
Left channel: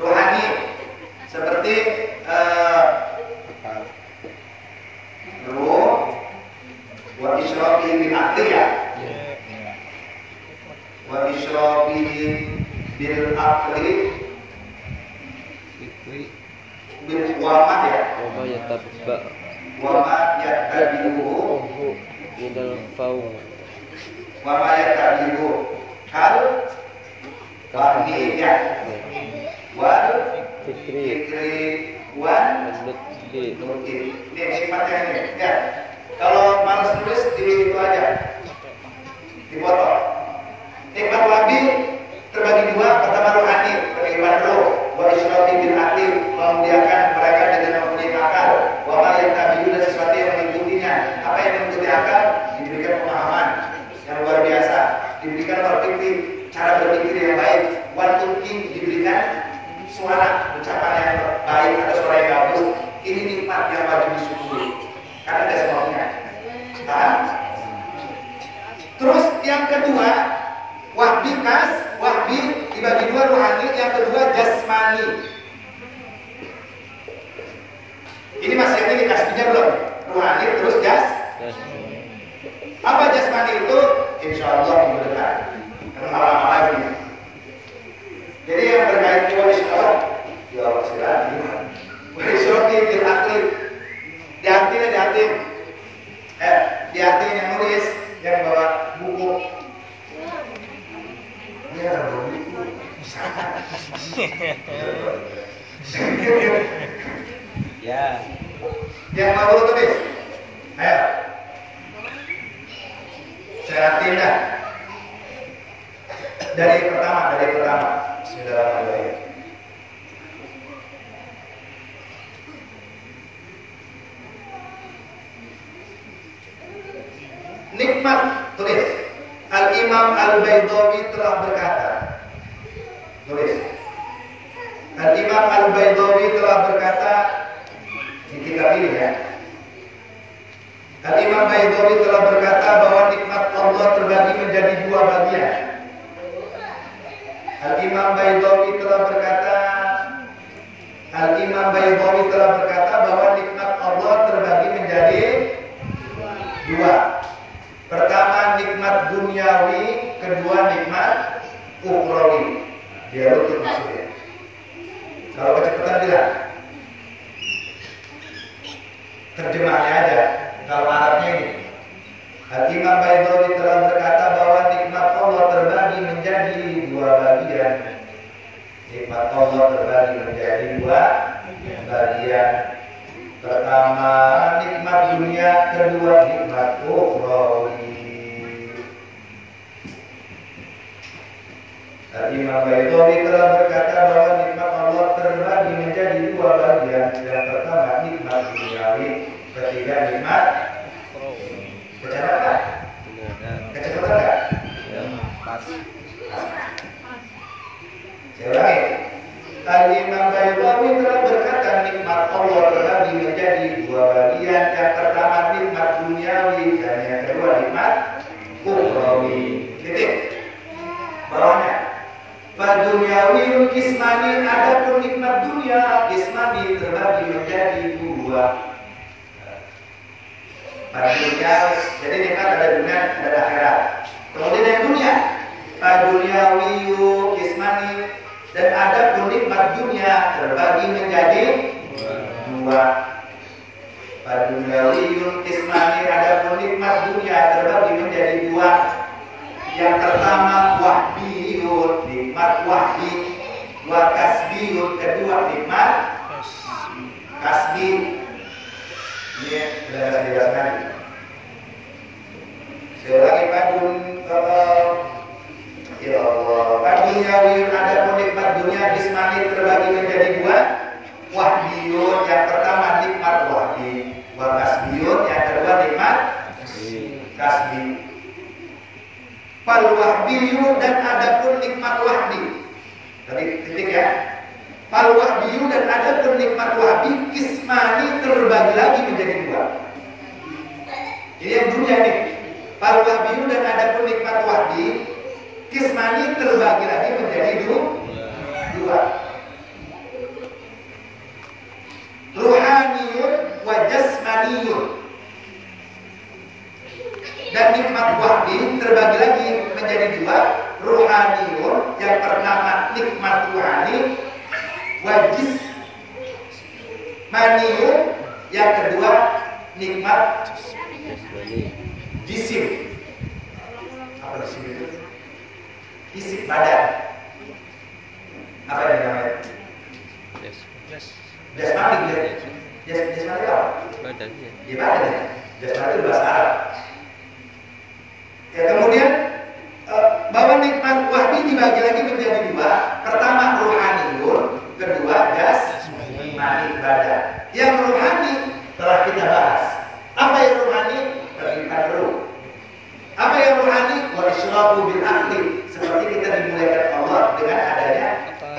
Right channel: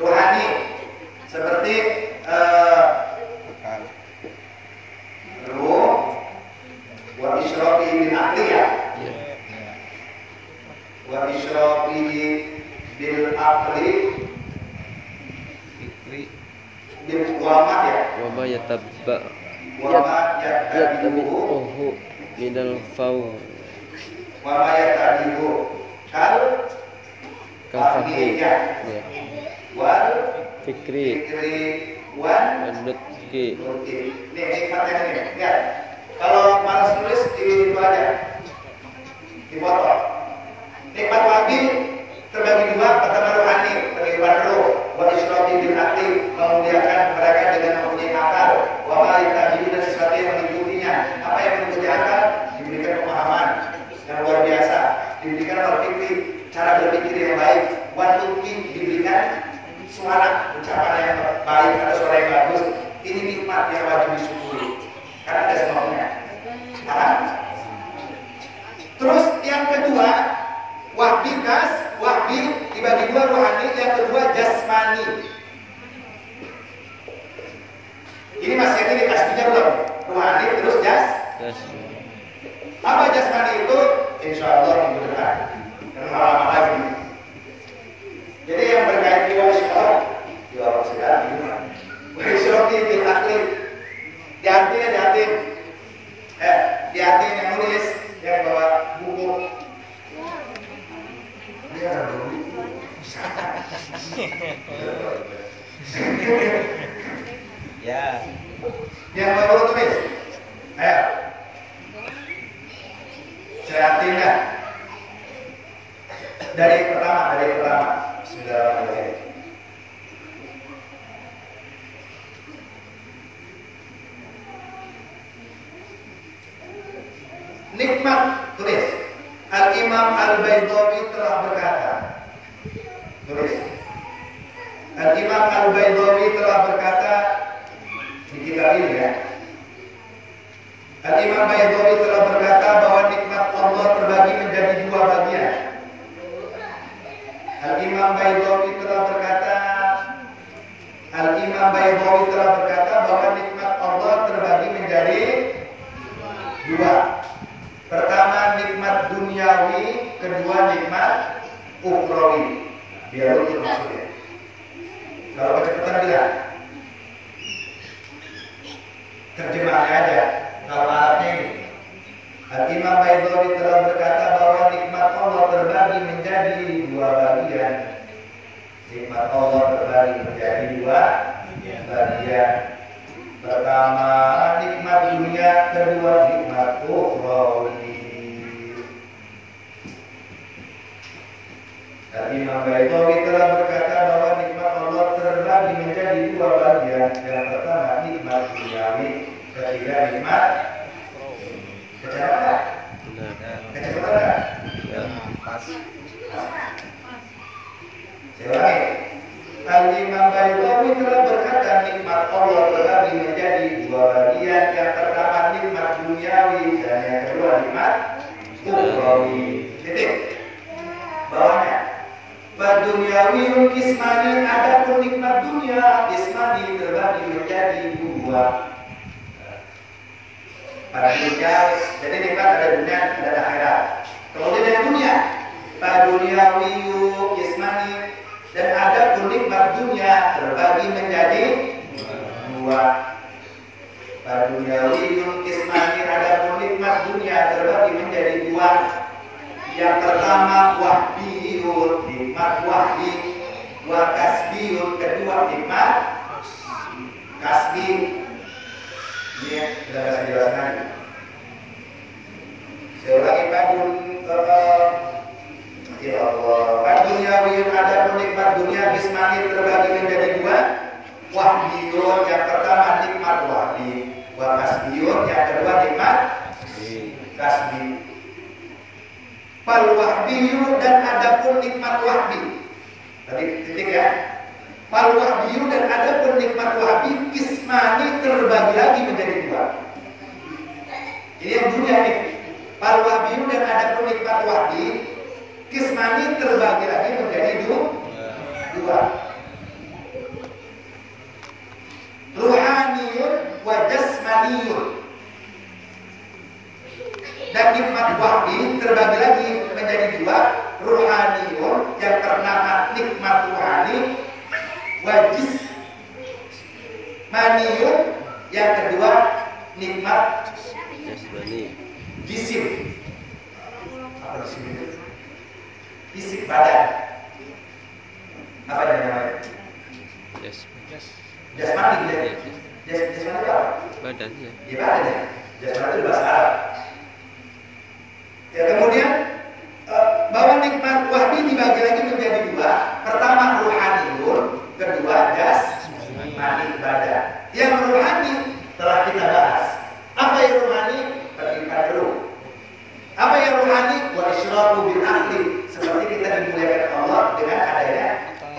rohani seperti ruh wa israfi min aqliya wa israfi bil aqli bil wama ya Wama yatabba. wama yatabihu Minal faw. wama yatabihu kal fahmiya wal Fikri. wan Menutki. Oke, ini nikmatnya ini. Ya, kalau malas tulis di itu aja, di foto. Nikmat wahbi terbagi dua, pertama rohani, beriman roh, wa isyrafi bil hati, memuliakan mereka dengan mempunyai akal, wa ma yatabi'u dan sesuatu yang mengikutinya. Apa yang mengikuti akal? Diberikan pemahaman yang luar biasa, diberikan berpikir, cara berpikir yang baik, wa tuqi diberikan suara ucapan yang baik atau suara yang bagus. Ini nikmat yang wajib disyukuri karena ada sebabnya. Nah, terus yang kedua, wahbi kas, wahbi dibagi dua, rohani, yang kedua jasmani. Ini masih yang ini kasbinya belum? Rohani terus apa jasmani itu? Insya Allah minggu depan. Karena lama lagi. Jadi yang berkait jiwa isyarat, jiwa isyarat ini kan. Wahsyrofi bil akli, di hati. Di hati yang nulis, yang bawa buku. Dia ada buku. Ya. Yang baru tulis. Ayo. Sehatin dah. Dari pertama. Bismillahirrahmanirrahim. Nikmat, tulis. Al-Imam Al-Baydawi telah berkata. Tulis. Al-Imam Al-Baydawi telah berkata di kitab ini ya. Al-Imam Baydawi telah berkata bahwa nikmat Allah terbagi menjadi dua bagian. Al-Imam Baydawi telah berkata bahwa nikmat Allah terbagi menjadi dua. Pertama nikmat duniawi, kedua nikmat ukhrawi. Dia lutut maksudnya. Kalau kecepatan bilang terjemahnya aja. Kalau Arabnya ini, Al-Imam Baydawi telah berkata bahwa nikmat Allah terbagi menjadi dua bagian. Nikmat Allah terbagi menjadi dua bagian. Pertama nikmat dunia, kedua nikmat ukhrawi. Al-Imam Baydawi telah berkata bahwa nikmat Allah terbagi menjadi dua bagian. Yang pertama nikmat duniawi, ketiga nikmat kecepatan. Kecepatan enggak? Ya. Pas. Saya ulangi. Al-Imam Baydawi telah berkata nikmat Allah terbagi menjadi dua bagian. Yang pertama nikmat duniawi dan yang kedua nikmat ukhrawi. Titik. Bawahnya. Fadunyawi kismani, adapun nikmat dunia kismani terbagi menjadi dua. Pada dunia, jadi nikmat ada dunia, ada akhirat. Kemudian yang dunia, fadunyawi kismani, dan adapun nikmat dunia terbagi menjadi dua. Fadunyawi kismani, adapun nikmat dunia terbagi menjadi dua. Yang pertama wahbiyun, nikmat wahbi, wa kasbiyun, kedua nikmat kasbi. Ini sudah saya jelaskan. Saya ulangi ya Allah. Fadunyawiyun, adapun nikmat dunia kismani terbagi menjadi dua. Wahbiyun, yang pertama nikmat wahbi, wa kasbiyun, yang kedua nikmat kasbi. Fal wahbiyu, dan adapun nikmat wahbi. Tadi titik ya. Fal wahbiyu, dan adapun nikmat wahbi kismani terbagi lagi menjadi dua. Ini yang dunia ini. Fal wahbiyu, dan adapun nikmat wahbi kismani terbagi lagi menjadi dua. Ruhaniyun wa jasmaniyun. Dan nikmat wahbi terbagi lagi menjadi dua. Ruhaniyun, yang pertama nikmat ruhani, wa jismaniyun, yang kedua nikmat jisim. Apa jisim itu? Fisik badan. Apa yang namanya? Jasmani. Jasmani itu apa? Badan ya. Ya badan ya. Jasmani itu bahasa Arab. Ya kemudian bahwa nikmat wahbi dibagi lagi menjadi dua. Pertama ruhaniyun, kedua jasmani badan. Yang rohani telah kita bahas. Apa yang rohani? Beriman ruh. Apa yang rohani? Wa isyraku bil akli. Seperti kita dimuliakan Allah dengan adanya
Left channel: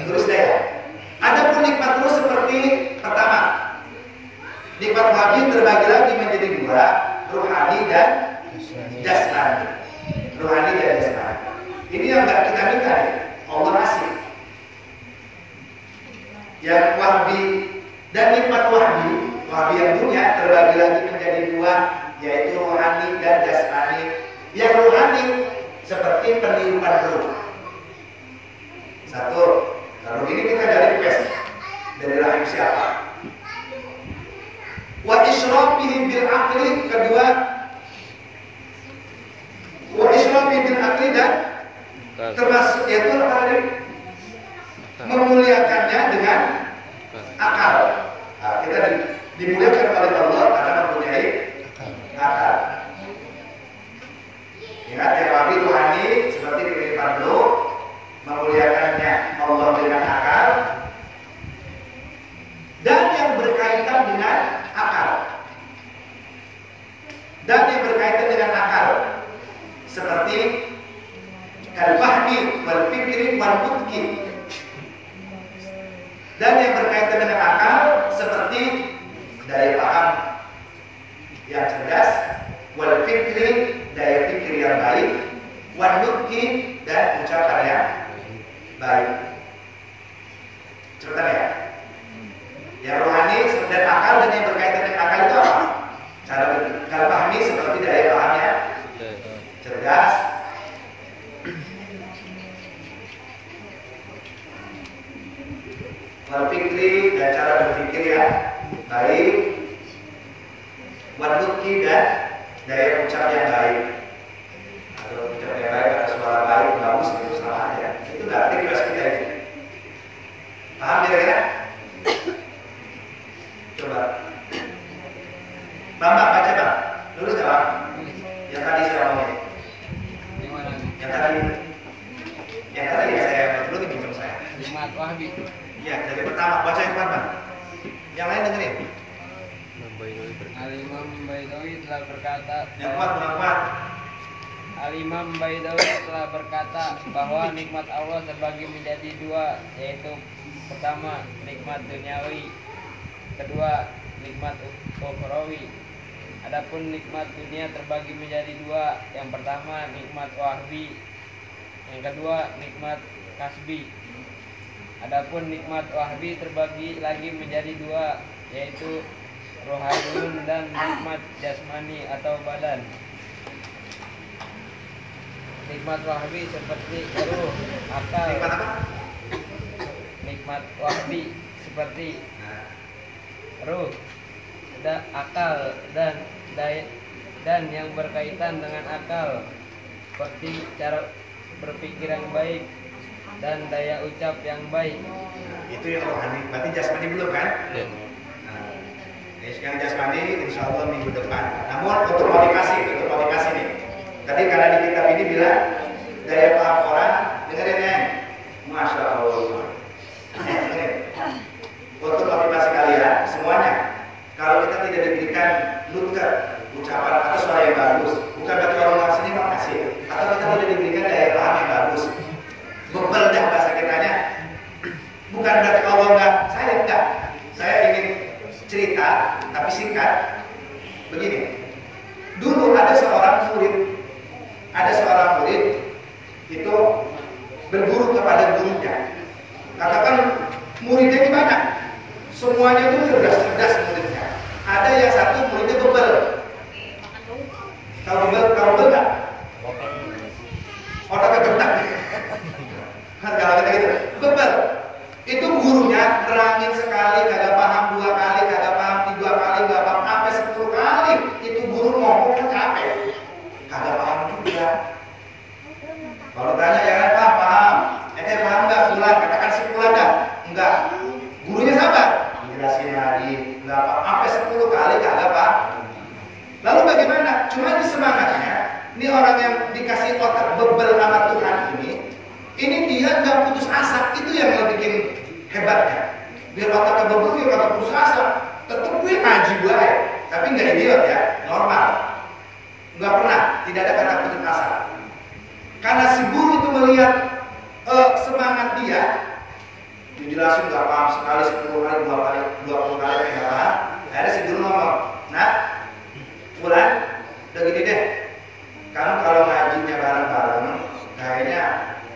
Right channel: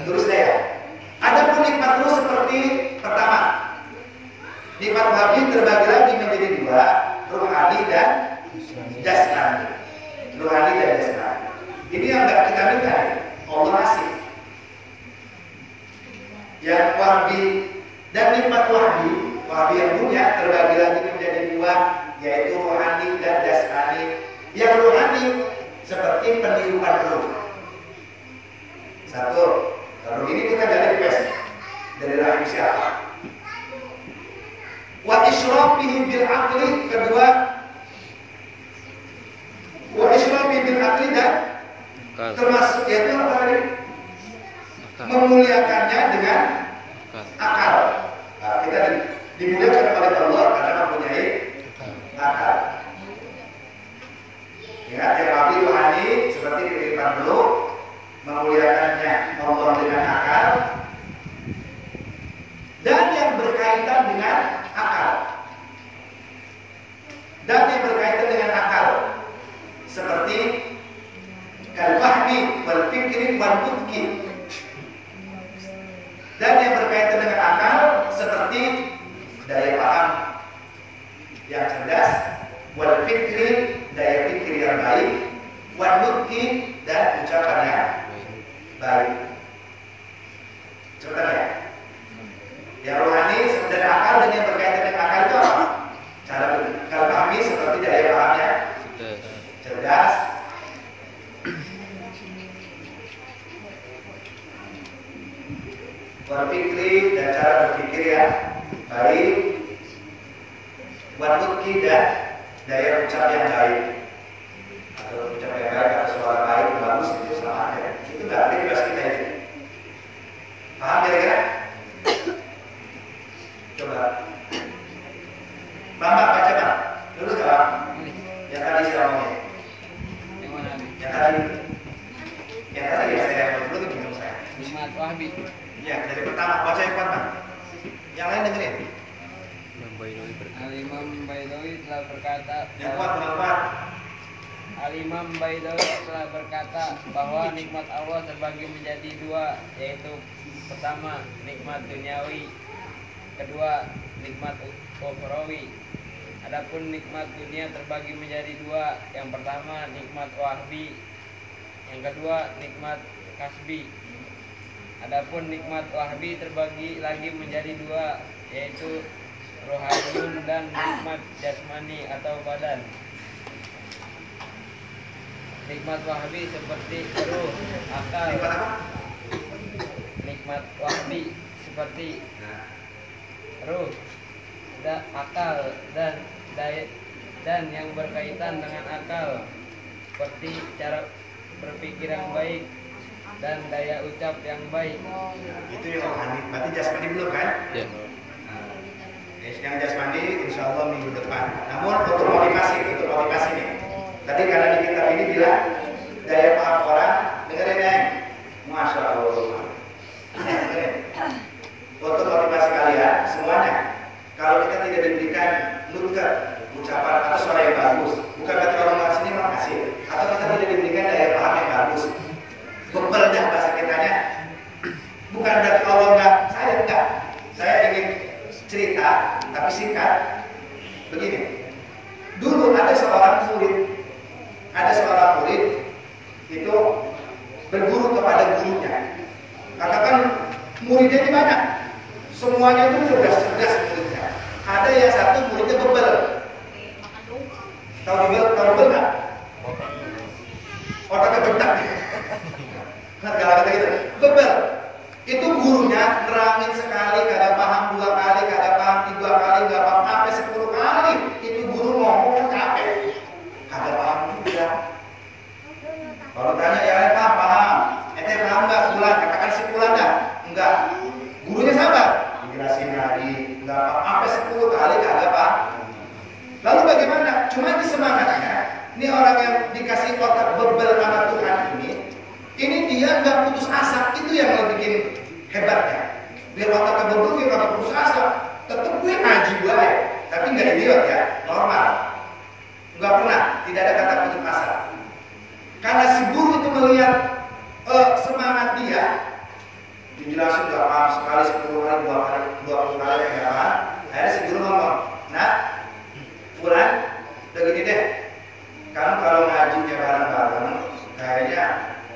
terus daya. Adapun nikmat ruh seperti pertama, nikmat wahbi terbagi lagi menjadi dua, rohani dan jasmani. Rohani dan jasmani. Ini yang nggak kita minta nih, Allah kasih. Yang wahbi dan nikmat wahbi yang dunia terbagi lagi menjadi dua, yaitu rohani dan jasmani. Yang rohani seperti peniruan ruh. Satu, lalu ini kita dari request dari rahim siapa? Wa isyrafihim bil aqli, kedua wa isyrafihim bil aqli dan termasuk yaitu apa tadi? Memuliakannya dengan akal. Nah, kita dimuliakan oleh Allah karena mempunyai akal. Ingat yang wahbi rohani seperti kehidupan dulu, memuliakannya Allah dengan akal, dan yang berkaitan dengan akal. Dan yang berkaitan dengan akal seperti al-fahmi wal fikri wal mudki. Dan yang berkaitan dengan akal seperti daya paham yang cerdas, wal fikri daya pikir yang baik, wal mudki dan ucapan yang baik. Cepetan ya. Yang rohani dan akal dan yang berkaitan dengan akal itu apa? Cara berpikir. Kalau pahami seperti daya pahamnya cerdas, berpikir dan cara berpikir yang baik, wadudki dan daya ucap yang baik. Atau ucap yang baik atau suara baik bagus itu sama aja. Itu nggak request kita itu. Paham kira-kira? Coba. Bambang baca bang. Lurus nggak bang? Yang tadi saya ngomongin. Yang tadi ya saya belum pinjam saya. Nikmat wahbi. Iya, dari pertama baca yang mana? Yang lain dengerin. Al-Imam Baidawi telah berkata. Yang kuat. Al-Imam Baidawi telah berkata bahwa nikmat Allah terbagi menjadi dua, yaitu pertama nikmat duniawi, kedua nikmat ukhrawi. Adapun nikmat dunia terbagi menjadi dua, yang pertama nikmat wahbi, yang kedua nikmat kasbi. Adapun nikmat wahbi terbagi lagi menjadi dua, yaitu rohaniyun dan nikmat jasmani atau badan. Nikmat wahbi seperti ruh, akal. Nikmat apa? Nikmat wahbi seperti ruh, akal dan yang berkaitan dengan akal, seperti cara berpikir yang baik dan daya ucap yang baik. Itu yang rohani. Berarti jasmani belum kan? Ya. Nah, yang jasmani insya Allah minggu depan. Namun untuk motivasi nih. Tadi karena di kitab ini bilang daya paham orang, dengerin ya. Masya Allah. Dengerin. Untuk motivasi kalian semuanya. Kalau kita tidak diberikan nutqah, ucapan atau suara yang bagus, bukan berarti kalau nggak sini makasih. Atau kita tidak diberikan daya paham yang bagus, bebel dah bahasa kitanya. Bukan berarti Allah enggak. Saya ingin cerita tapi singkat. Begini. Dulu ada seorang murid itu berguru kepada gurunya. Katakan muridnya ini banyak. Semuanya itu cerdas muridnya. Ada yang satu muridnya bebel. Tahu bebel enggak? Otaknya bentak. Kalau kita gitu, bebel. Itu gurunya nerangin sekali, kagak paham 2 kali, kagak paham 3 kali, kagak paham sampai 10 kali. Itu guru ngomong capek, kagak paham juga. Kalau tanya yang paham, paham nggak? Bulan, katakan si bulan dah, enggak. Gurunya sabar, jelasin lagi, nggak paham sampai 10 kali kagak paham. Lalu bagaimana? Cuma di semangatnya ini orang yang dikasih otak bebel sama Tuhan ini dia nggak putus asa, itu yang bikin hebatnya. Biar otaknya bebel dia nggak putus asa, tetep gue ngaji baik, tapi nggak idiot ya, normal, nggak pernah, tidak ada kata putus asa. Karena si guru itu melihat semangat dia, dijelasin nggak paham sekali, 10 kali, 20 kali nggak paham. Akhirnya si guru ngomong, nah, Fulan, udah gini deh, kamu kalau ngajinya bareng-bareng, kayaknya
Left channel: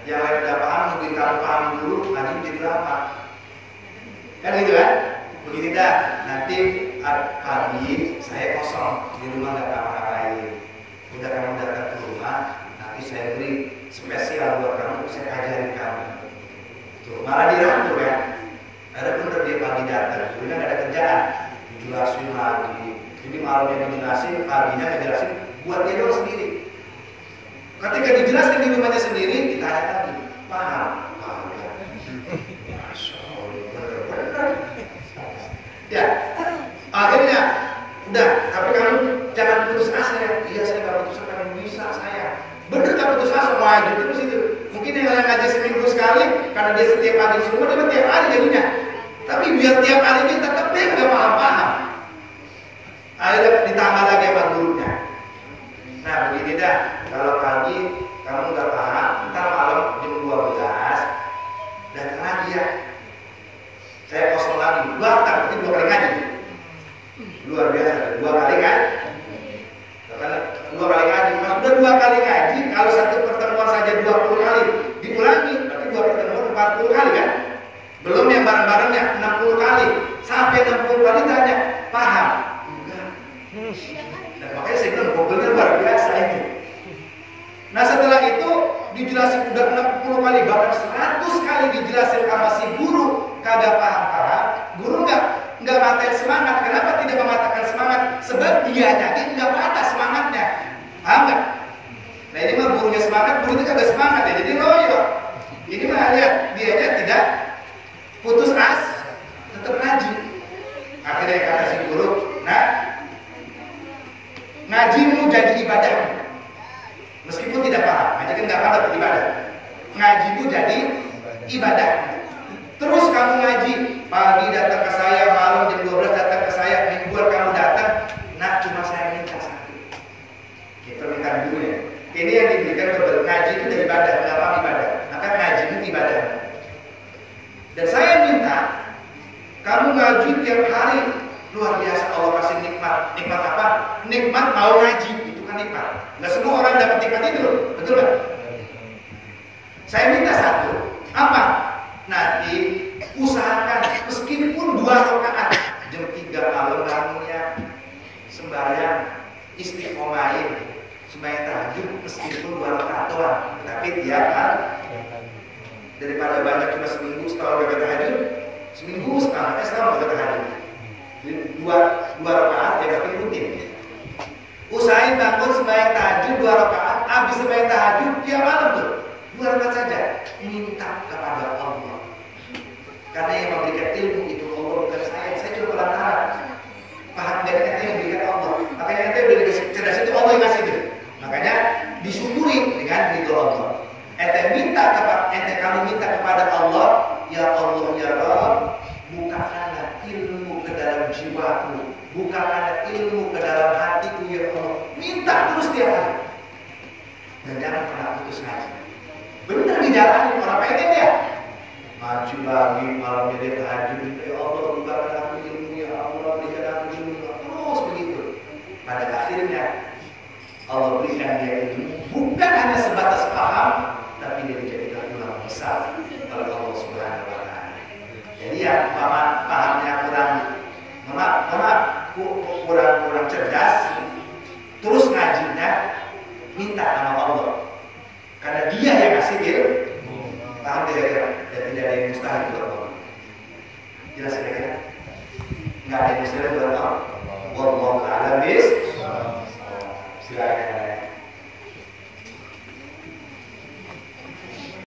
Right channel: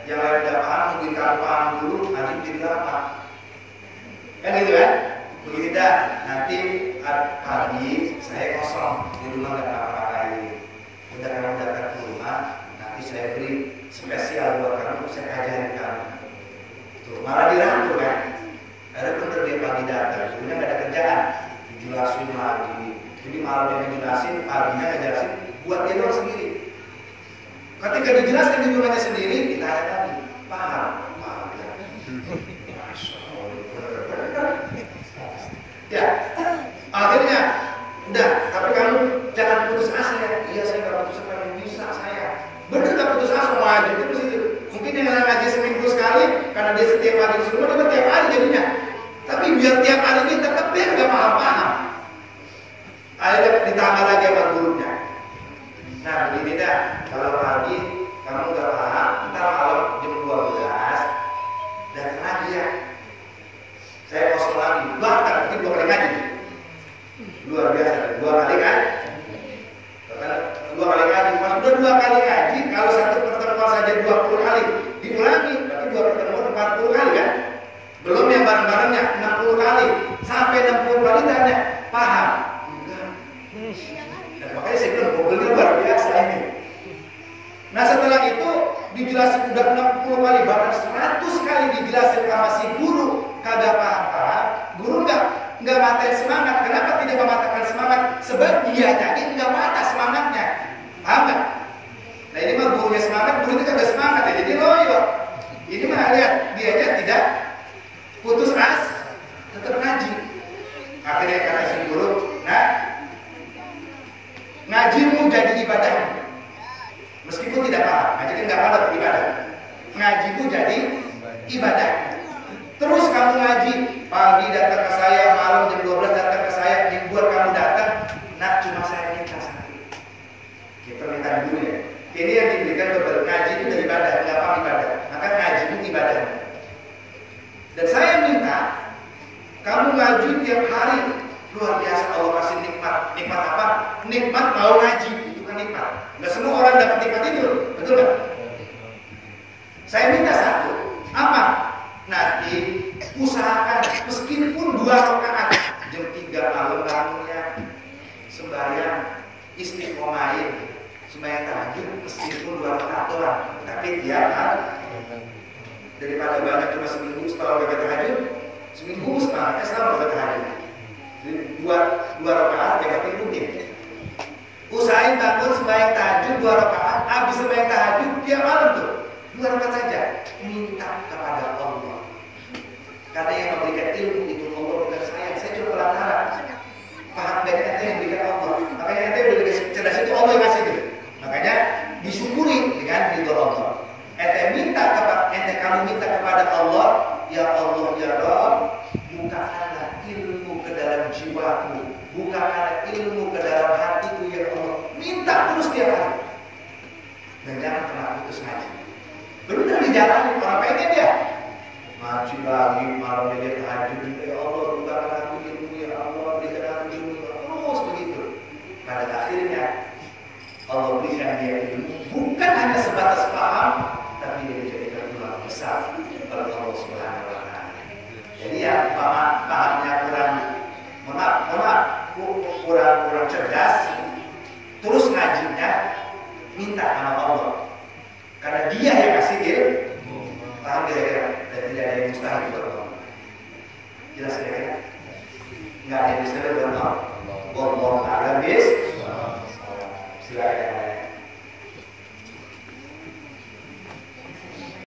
yang lain udah paham, mungkin kamu paham dulu, ngaji jadi lama. Kan gitu kan? Begini dah, nanti pagi saya kosong di rumah nggak ngapa-ngapain. Udah kamu datang ke rumah, nanti saya beri spesial buat kamu, saya ajarin kamu. Tuh, malah dirangkul kan? Akhirnya bener dia pagi datang, dulunya nggak ada kerjaan, dijelasin lagi. Jadi malamnya dijelasin, paginya ngejelasin, buat dia doang sendiri. Ketika dijelaskan di rumahnya sendiri, ditanya lagi, paham? Paham ya? Masya Allah, bener-bener. Ya, akhirnya, udah, tapi kamu jangan putus asa ya. Iya, saya nggak putus asa, yang bisa saya. Bener nggak putus asa, maju terus itu. Mungkin yang ngaji seminggu sekali, karena dia setiap pagi di rumah, dia tiap hari jadinya. Tapi biar tiap hari dia tetap dia nggak paham-paham. Akhirnya ditambah lagi sama gurunya. Nah begini dah, kalau pagi kamu nggak paham, ntar malam jam 12 datang lagi ya. Saya kosong lagi, datang mungkin 2 kali ngaji. Luar biasa, 2 kali kan? 2 kali ngaji, mas udah 2 kali ngaji. Kalau satu pertemuan saja 20 kali diulangi, berarti 2 pertemuan 40 kali kan? Belum yang bareng-barengnya 60 kali, sampai 60 kali tanya, paham? Dan makanya saya bilang bobelnya luar biasa ini. Nah setelah itu dijelasin udah 60 kali, bahkan 100 kali dijelasin sama si guru, kagak paham-paham. Guru nggak matain semangat. Kenapa tidak mematahkan semangat? Sebab dia jadi nggak patah semangatnya. Paham nggak? Nah ini mah gurunya semangat, guru itu kagak semangat ya, jadi loyo. Ini mah lihat dianya tidak putus asa, tetap ngaji. Akhirnya kata si guru, nah ngajimu jadi ibadahmu. Meskipun tidak paham, ngaji kan nggak paham dapat ibadah. Ngajimu jadi ibadah. Terus kamu ngaji, pagi datang ke saya, malam jam 12 datang ke saya, mingguan kamu datang, nah cuma saya minta satu. Kita minta dulu ya. Ini yang diberikan beberapa ngaji itu dari ibadah, nggak paham ibadah. Maka ngajimu ibadah. Dan saya minta kamu ngaji tiap hari. Luar biasa Allah kasih nikmat. Nikmat apa? Nikmat mau ngaji. Itu kan nikmat. Nggak semua orang dapat nikmat itu. Betul nggak? Saya minta satu. Apa? Nanti usahakan meskipun 2 rakaat. Jam 3 malam bangunnya sembahyang istiqomahin. Sembahyang tahajud meskipun 2 rakaat doang. Tapi tiap hari. Daripada banyak cuma seminggu setahun gak tahajud. Seminggu setahun gak tahajud. Jadi 2 rakaat ya berarti rutin. Usahain bangun sembahyang tahajud 2 rakaat, habis sembahyang tahajud tiap malam tuh 2 rakaat saja. Minta kepada Allah. Karena yang memberikan ilmu itu Allah, bukan saya. Saya cuma perantara. Paham dari ente yang memberikan Allah. Makanya ente udah dikasih cerdas itu Allah yang kasih itu. Makanya disyukuri dengan ridho Allah. Kamu minta kepada Allah, ya Allah ya Rabb, bukakanlah ilmu ke dalam jiwaku, bukakanlah ilmu ke dalam hatiku ya Allah. Minta terus tiap hari. Dan jangan pernah putus ngaji. Benar dijalani, orang pengen ya. Ngaji lagi, malamnya dia tahajud, ya Allah bukakan aku ilmu ya Allah, berikan aku ilmu ya Allah. Terus begitu. Pada akhirnya Allah berikan dia ilmu, bukan hanya sebatas paham, tapi dia dijadikan ulama besar oleh Allah Subhanahu wa Ta'ala. Jadi yang pahamnya kurang cerdas, terus ngajinya minta sama Allah, karena Dia yang kasih ilmu. Paham kira-kira? Dan tidak ada yang mustahil buat Allah. Jelas kira-kira? Nggak ada yang mustahil buat Allah. Wallahu a'lam bishawab. Silakan.